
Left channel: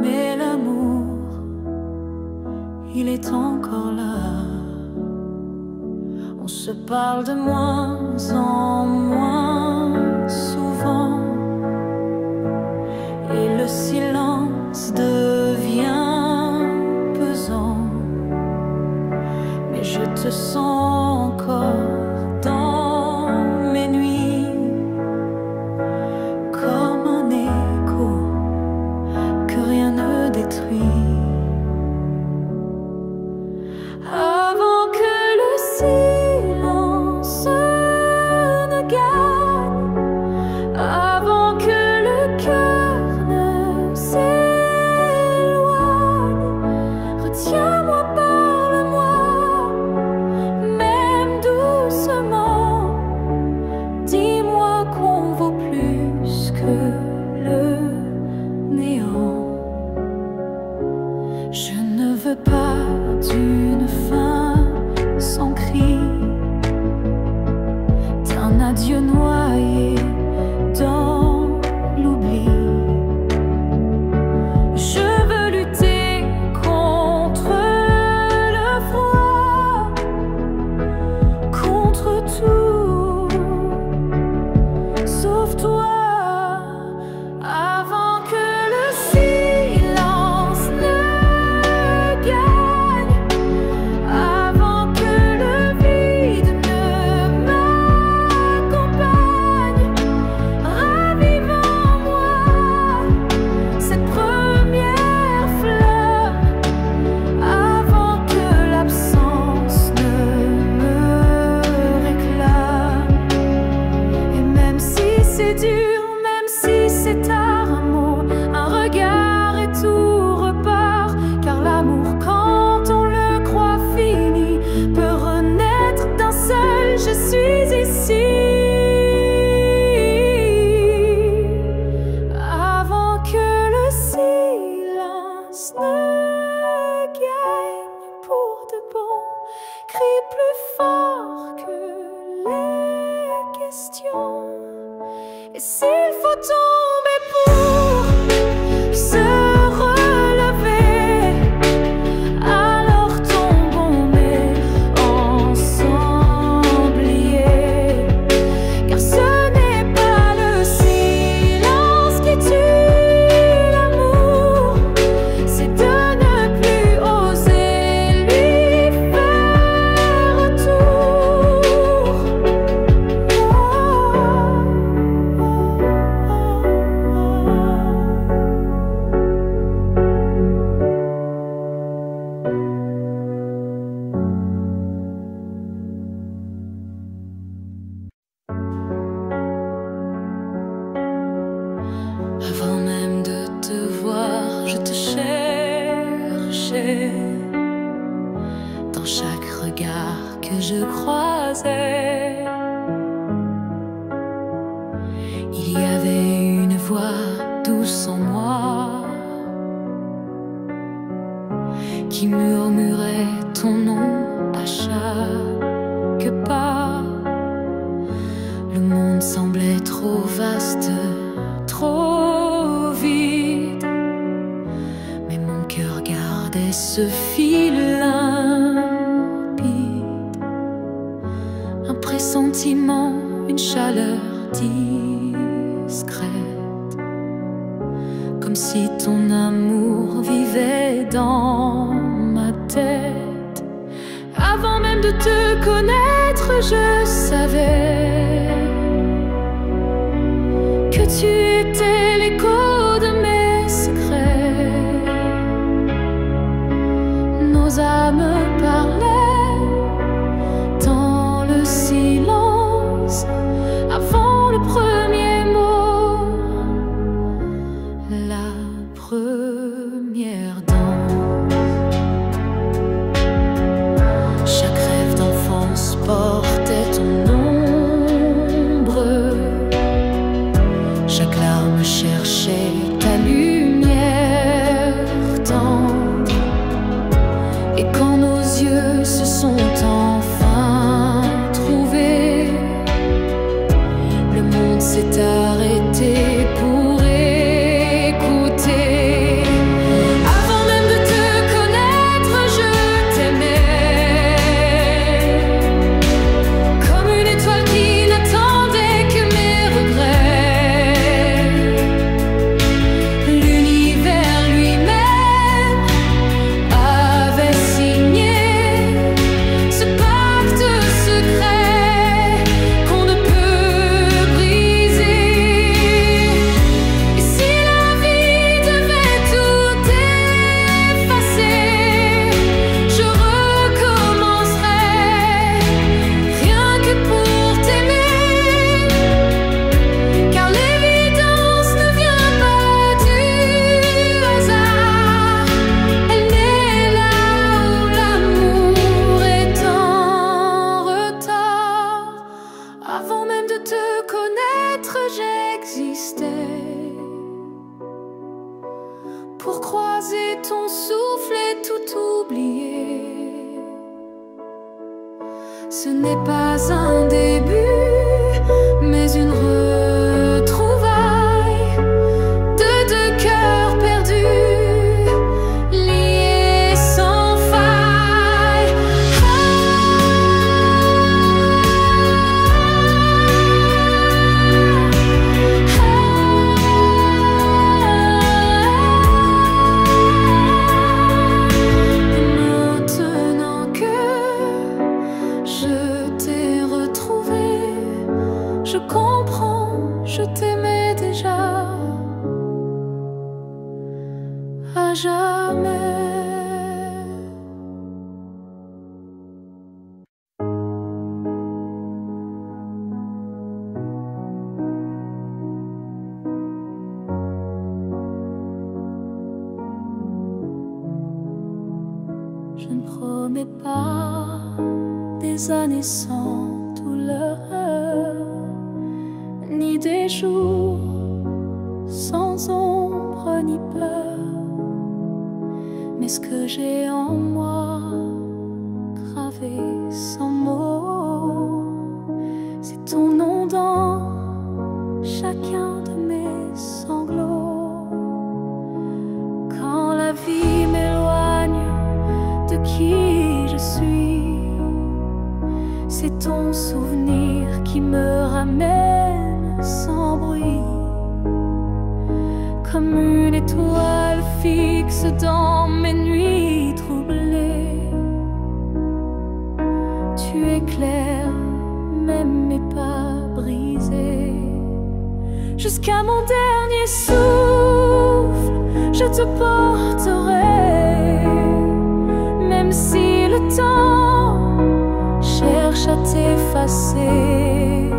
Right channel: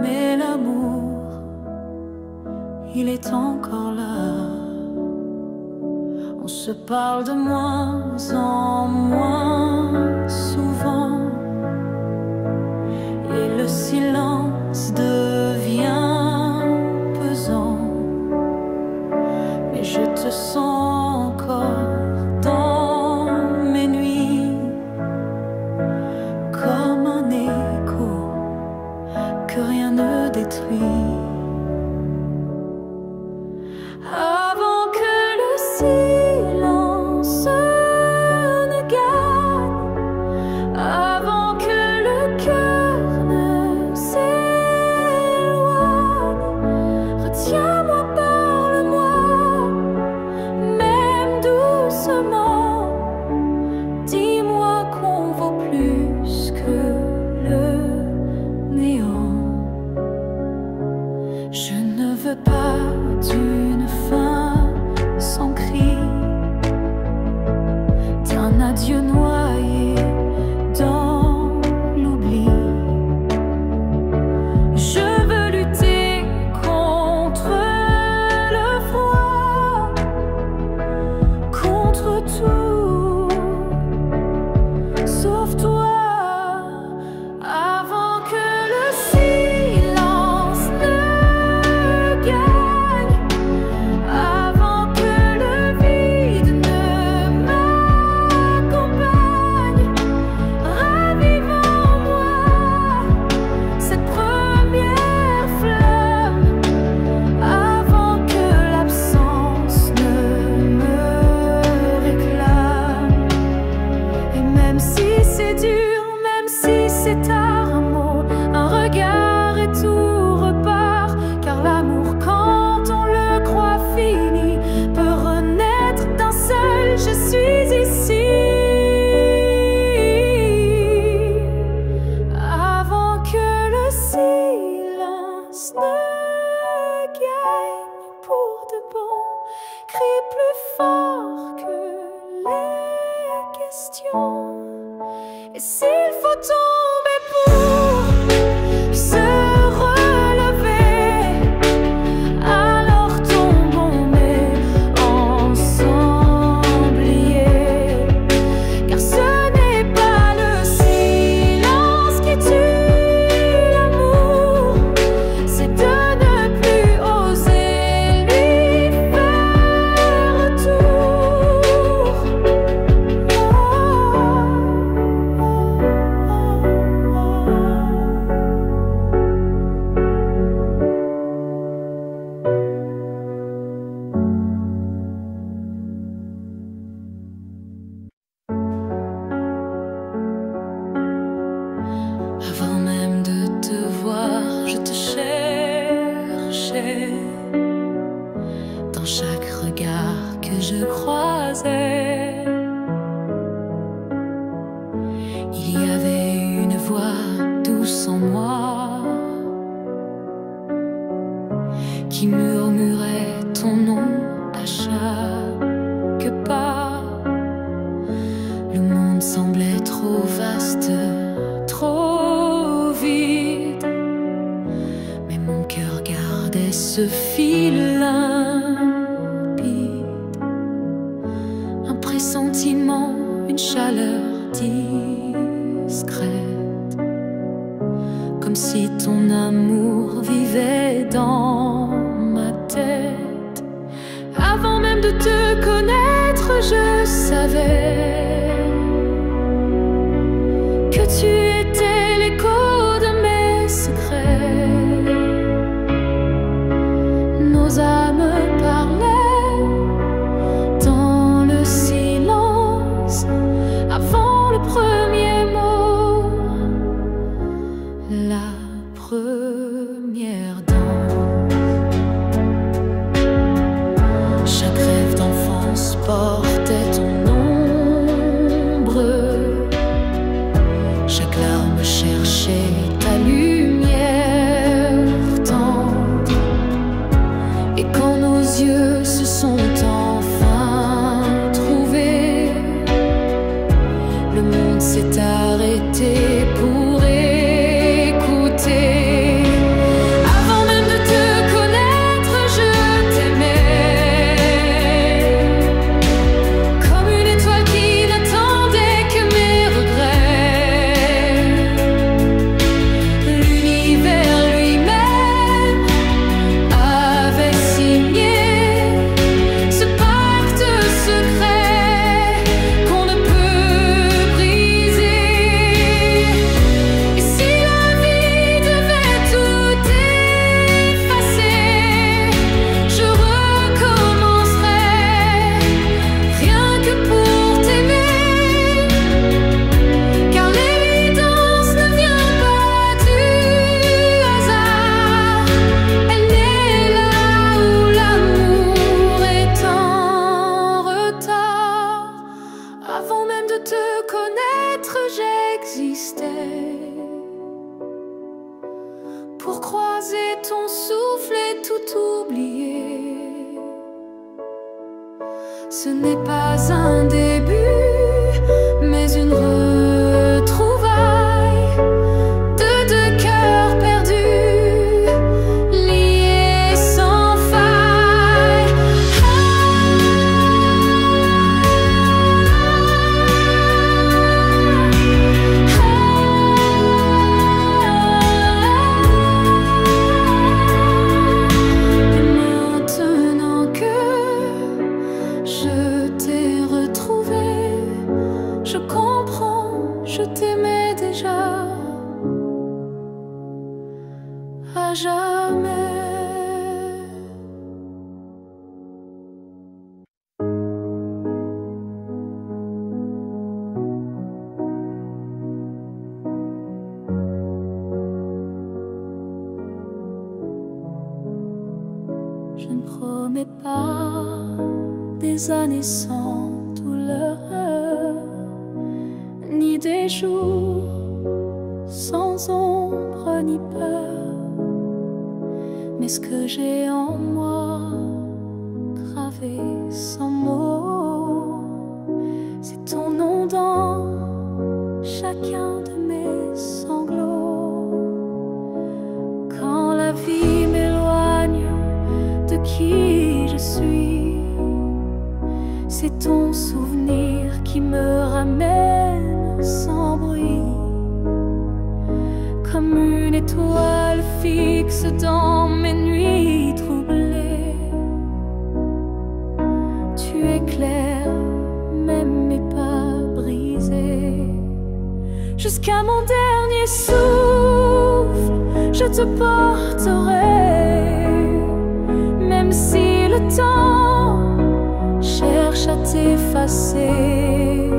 mais l'amour, il est encore là. On se parle de moins en moins souvent, et le silence devient pesant. Mais je te sens encore dans mes nuits, comme un écho que rien ne détruit. Avant que le silence ne gagne, avant que le cœur ne s'éloigne, retiens-moi, parle-moi, même doucement. Dis-moi qu'on vaut plus que le néant. Je ne veux pas d'une fin sans cri, d'un adieu noyé dans l'oubli. Je veux lutter contre le froid, contre tout, sauf toi. Avant que le silence ne gagne, avant que le vide ne m'accompagne, ravive en moi cette première flamme, avant que l'absence ne me réclame. Et même si c'est dur, même si c'est tard, un mot, un regard et tout repart. Car l'amour, quand on le croit fini, peut renaître d'un seul je suis ici. Avant que le silence ne gagne pour de bon, crie plus fort que les questions. Et s'il faut tomber pour se relever, alors tombons mais ensemble liés. Car ce n'est pas le silence qui tue l'amour, c'est de ne plus oser lui faire retour. Avant même de te voir, je te cherchais dans chaque regard que je croisais. Il y avait une voix douce en moi qui murmurait ton nom à chaque pas. Le monde semblait trop vaste, trop vide, mais mon cœur gardait ce fil limpide. Un pressentiment, une chaleur discrète, comme si ton amour vivait dans ma tête. Avant même de te connaître, je savais que tu étais l'écho de mes secrets. Nos âmes parlaient dans le silence avant le premier mot, la première danse. Chaque rêve d'enfance portait ton ombre, chaque larme cherchait ta lumière tendre. Et quand nos yeux se sont enfin trouvés, le monde s'est arrêté pour écouter. Avant même de te connaître, je t'aimais comme une étoile qui n'attendait que mes regrets. L'univers lui-même avait signé ce pacte secret qu'on ne peut briser. Et si pour croiser ton souffle et tout oublier. Ce n'est pas un début, mais une retrouvaille de deux cœurs perdus, liés sans faille. Et maintenant que je t'ai retrouvé, je comprends, je t'aimais déjà à jamais. Je ne promets pas des années sans douleur, ni des jours sans ombre ni peur, mais ce que j'ai en moi, gravé sans mots, c'est ton nom dans chacun de mes sanglots. Quand la vie m'éloigne de qui je suis, c'est ton souvenir qui me ramène sans bruit, comme une étoile fixe dans mes nuits troublées. Tu éclaires même mes pas brisés. Jusqu'à mon dernier souffle, je te porterai, même si le temps cherche à t'effacer.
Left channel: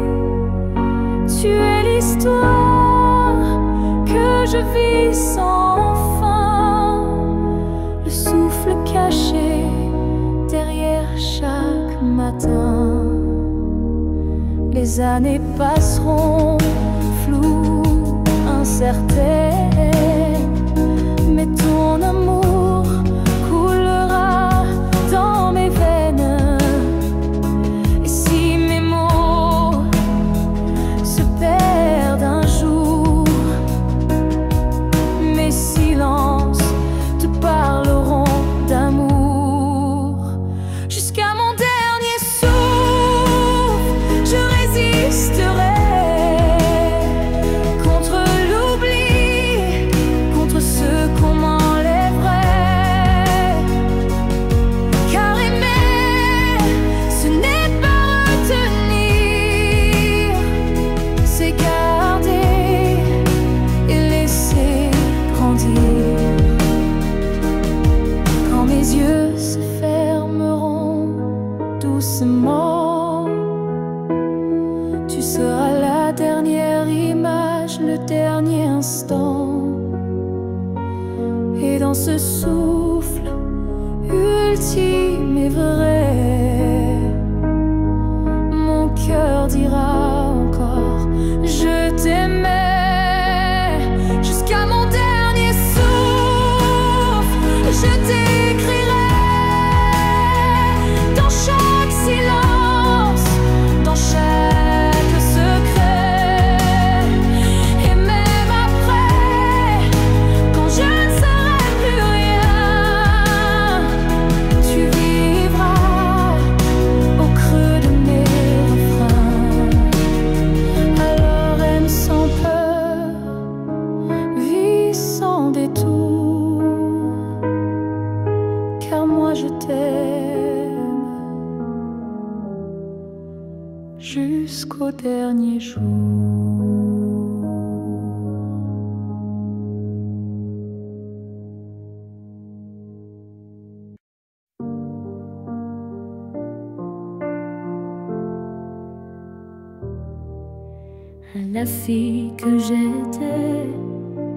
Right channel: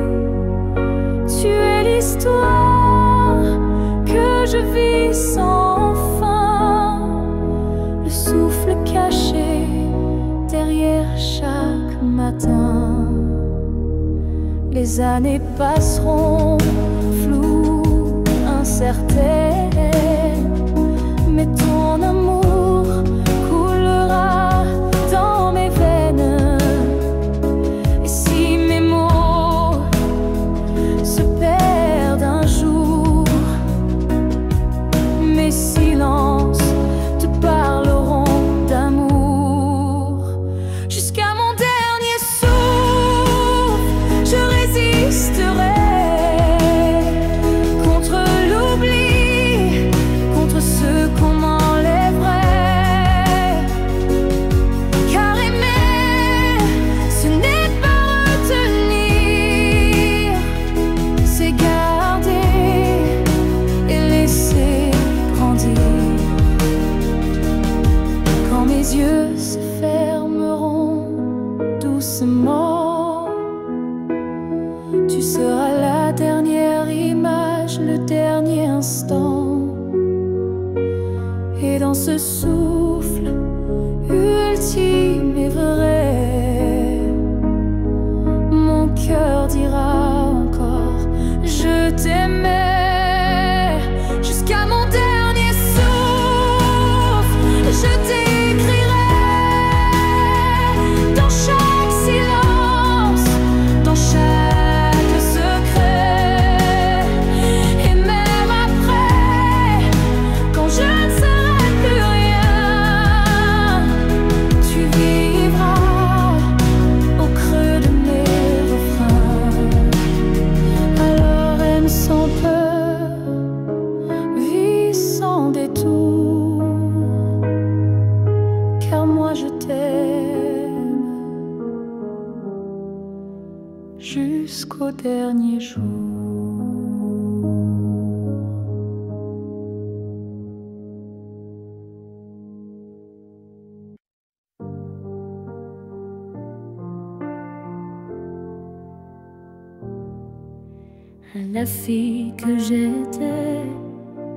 Tu es l'histoire que je vis sans fin, le souffle caché derrière chaque matin. Les années passeront floues, incertaines, mais ton amour coulera dans mes veines. Et si mes mots se perdent un jour, mes silences te parleront d'amour. Jusqu'à mon dernier souffle, je résisterai contre l'oubli, contre ce qu'on m'enlèverait. Car aimer, ce n'est pas retenir, c'est garder et laisser grandir. Quand mes yeux se fermeront doucement, tu seras la dernière image, le dernier instant. Et dans ce souffle ultime et vrai, mon cœur dira encore je t'aimais. Jusqu'à mon dernier souffle, je t'écrirai dans chaque silence, dans chaque secret. Et même après, quand je ne serai plus rien, tu vivras au creux de mes refrains. Alors aime sans peur, vis sans détour, car moi je t'aime jusqu'au dernier jour. La fille que j'étais,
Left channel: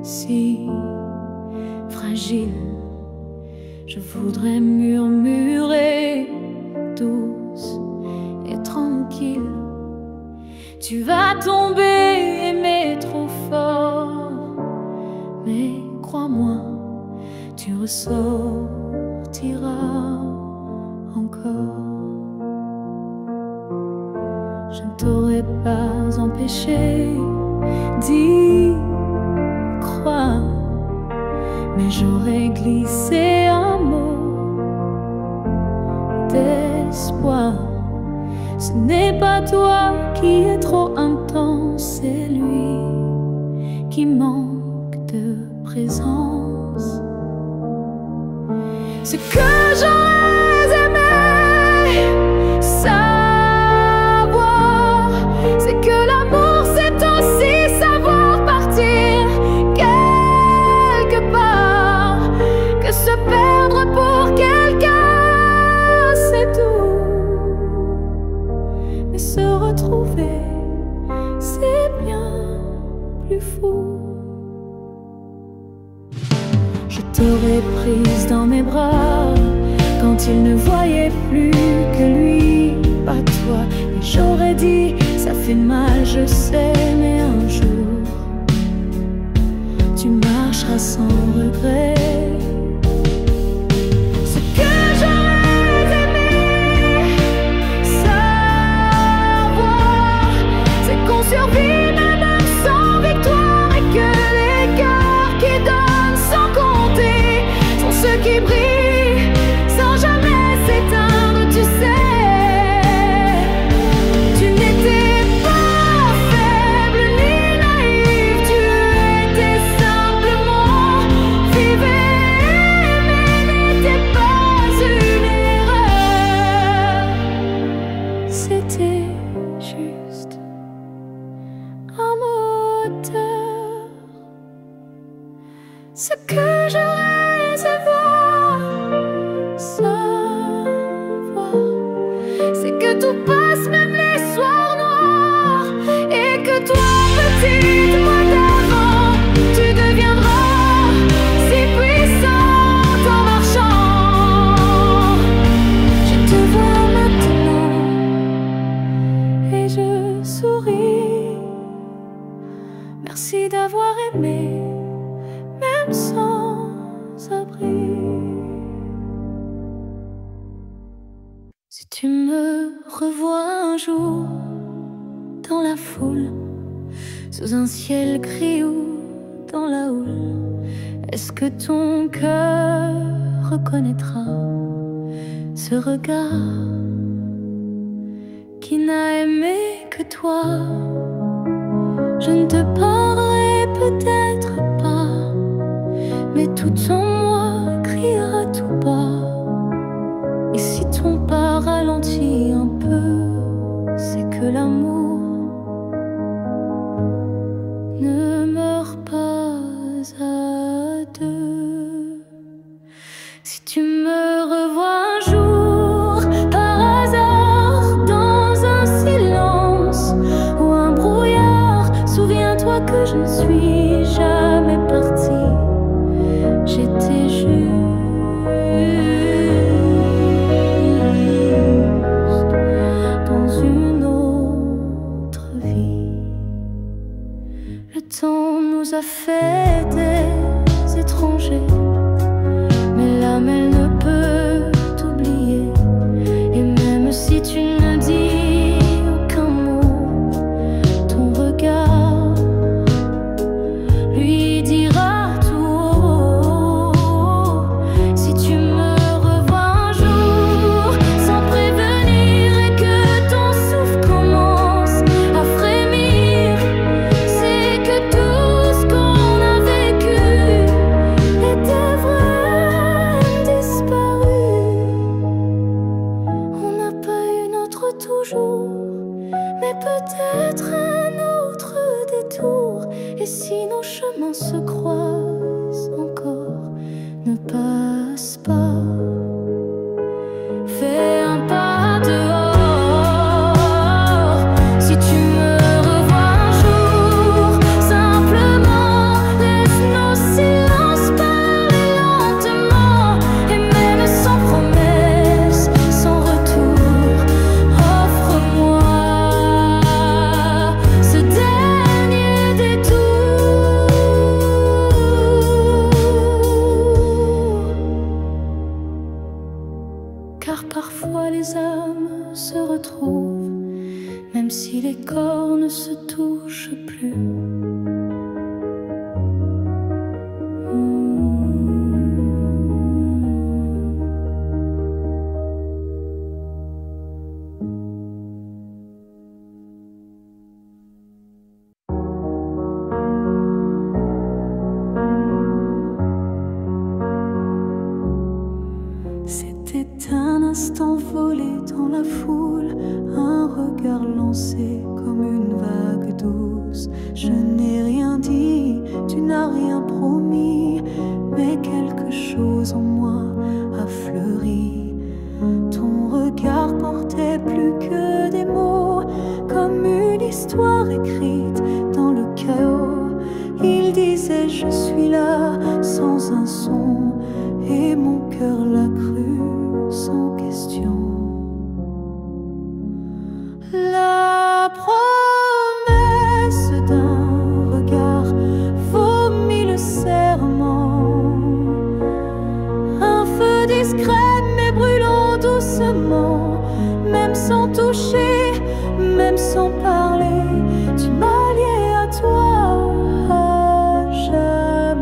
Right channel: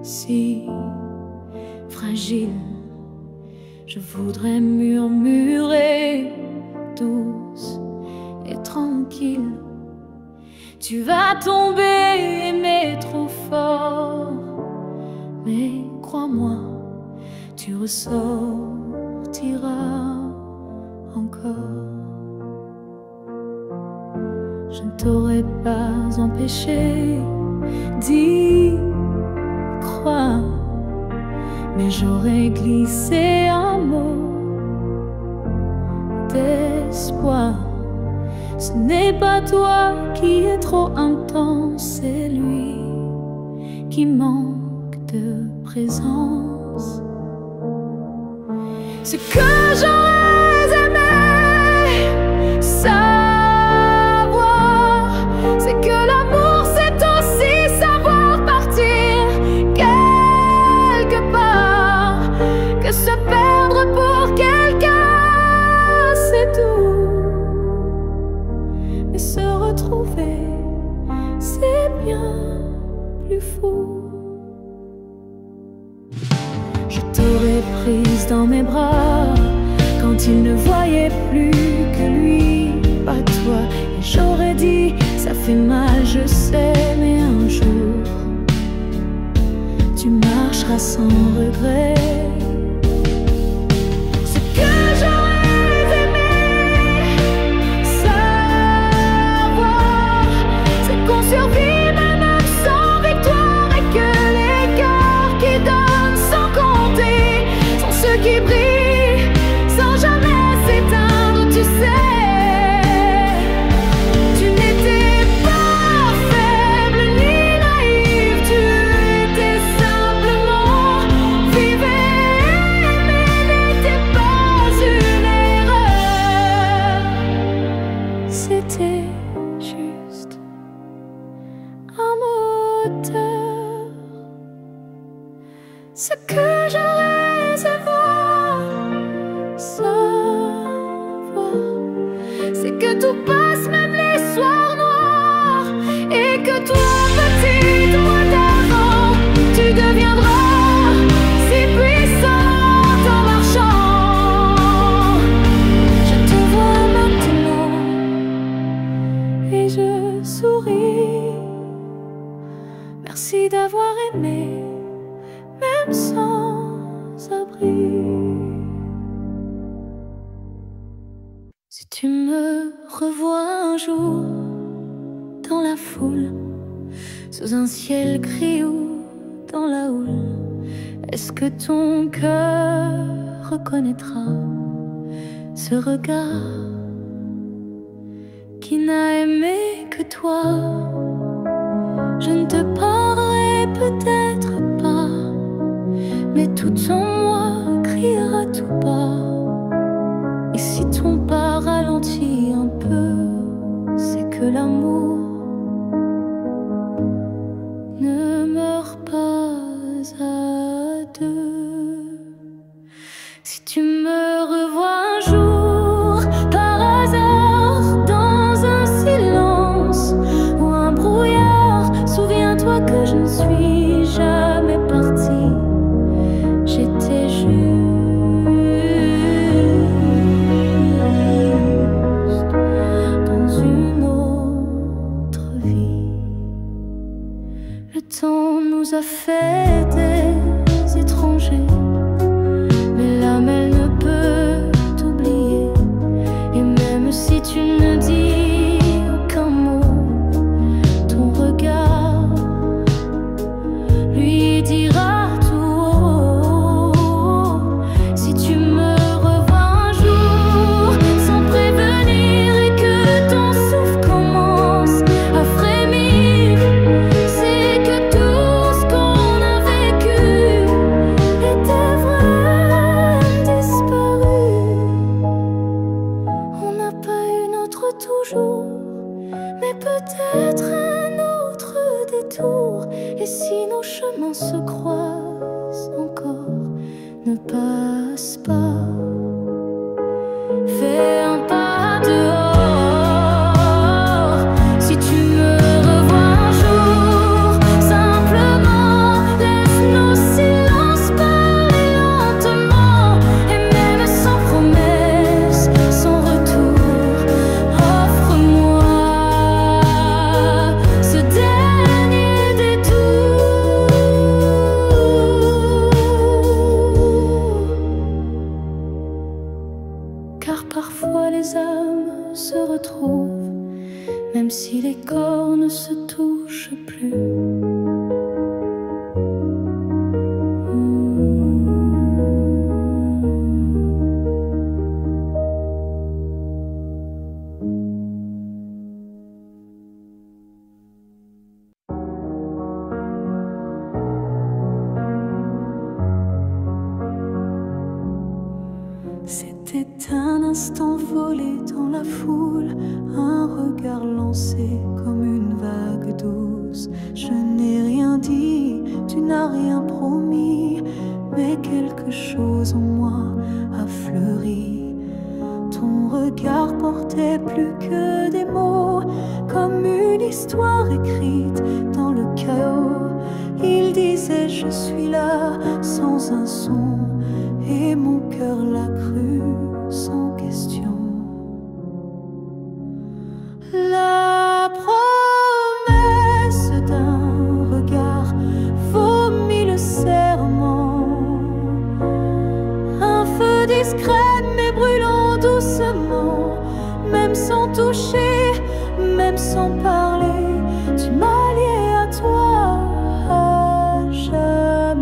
si fragile, je voudrais murmurer douce et tranquille. Tu vas tomber, aimer trop fort, mais crois-moi, tu ressortiras encore. Je ne t'aurais pas empêché d'y croire, mais j'aurais glissé un mot d'espoir. Ce n'est pas toi qui es trop intense, c'est lui qui manque de présence. Ce que j'aurais aimé savoir, c'est que l'amour c'est aussi savoir partir quelque part, que se perdre pour quelqu'un c'est tout, mais se retrouver c'est bien plus fou. Je t'aurais prise dans mes bras quand il ne voyait plus que lui, pas toi. Et j'aurais dit, ça fait mal, je sais, mais un jour tu marcheras sans regret. Ce que j'aurais aimé savoir, c'est qu'on survit même sans victoire, et que les cœurs qui donnent sans compter sont ceux qui brillent sans jamais s'éteindre. Tu sais, tu n'étais pas faible ni naïve, tu étais simplement vive et aimée, n'était pas une erreur, c'était juste un moteur. Ce que j'aurais aimé savoir, c'est que tout passe, même les soirs noirs, et que toi, petite moi d'avant, tu deviendras si puissante en marchant. Je te vois maintenant et je souris. Merci d'avoir aimé, même sans abri. Si tu me revois un jour dans la foule, sous un ciel gris ou dans la houle, est-ce que ton cœur reconnaîtra ce regard qui n'a aimé que toi? Je ne te parlerai peut-être pas, mais tout en moi criera tout bas. Et si ton pas ralentit un peu, c'est que l'amour ne meurt pas à deux. Si tu me revois un jour par hasard dans un silence ou un brouillard, souviens-toi que je ne suis jamais partie. J'étais juste dans une autre vie. Le temps nous a fait des étrangers, mais l'âme elle ne peut t'oublier. Et même si tu ne dis aucun mot, ton regard lui dira tout haut. Si tu me revois un jour sans prévenir et que ton souffle commence à frémir, c'est que tout ce qu'on a vécu était vrai, disparu. On n'a pas eu notre toujours, mais peut-être un autre détour. Et si nos chemins se croisent encore, ne passe pas. Fais un pas dehors. Si tu me revois un jour, simplement laisse nos silences parler lentement. Et même sans promesse, sans retour, offre-moi ce dernier détour. les âmes se retrouvent, même si les corps ne se touchent plus. C'était un instant volé dans la foule, un regard lancé comme une vague douce. Je n'ai rien dit, tu n'as rien promis, mais quelque chose en moi a fleuri. Ton regard portait plus que des mots, comme une histoire écrite dans le chaos. Il disait je suis là sans un son, et mon cœur l'a cru sans question. La promesse d'un regard vaut mille serments. Un feu discret mais brûlant doucement, même sans toucher, même sans parler, tu m'as lié à toi à jamais.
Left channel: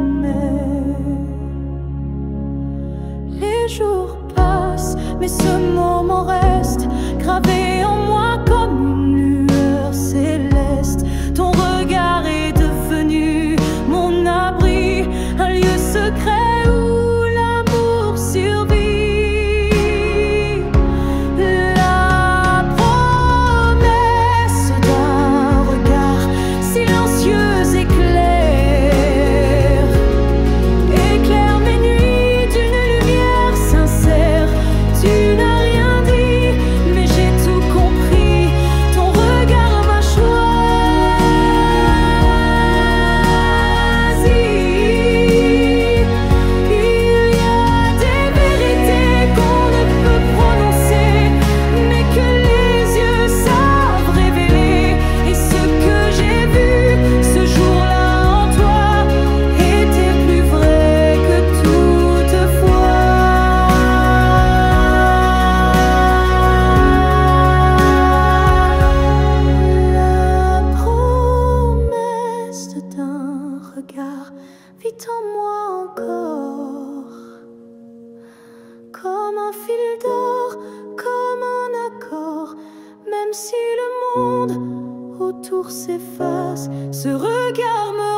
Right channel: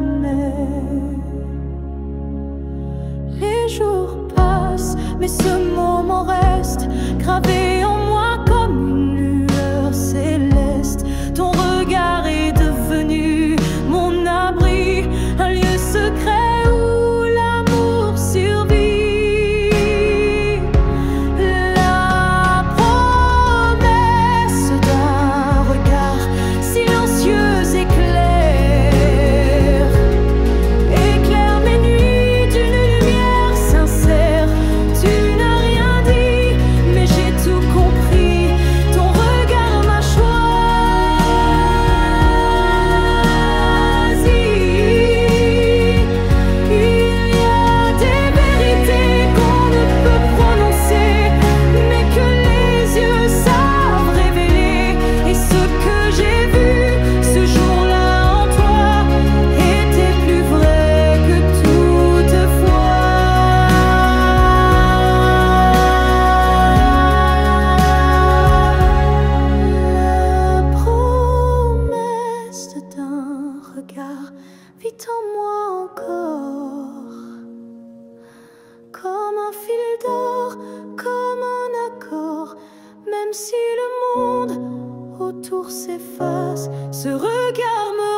Les jours passent, mais ce moment reste gravé en moi comme une lueur céleste. Ton regard est devenu mon abri, un lieu secret où l'amour survit. La promesse d'un regard silencieux éclaire mes nuits d'une lumière sincère. Tu n'as rien dit, mais j'ai tout compris. Ton regard m'a choisi. Il y a des vérités qu'on ne peut prononcer, mais que les yeux savent révéler. Et ce que j'ai vu ce jour-là en toi était plus vrai que toutefois. La promesse d'un regard vit en moi encore, comme un fil d'or, comme un accord. Même si le monde autour s'efface, ce regard me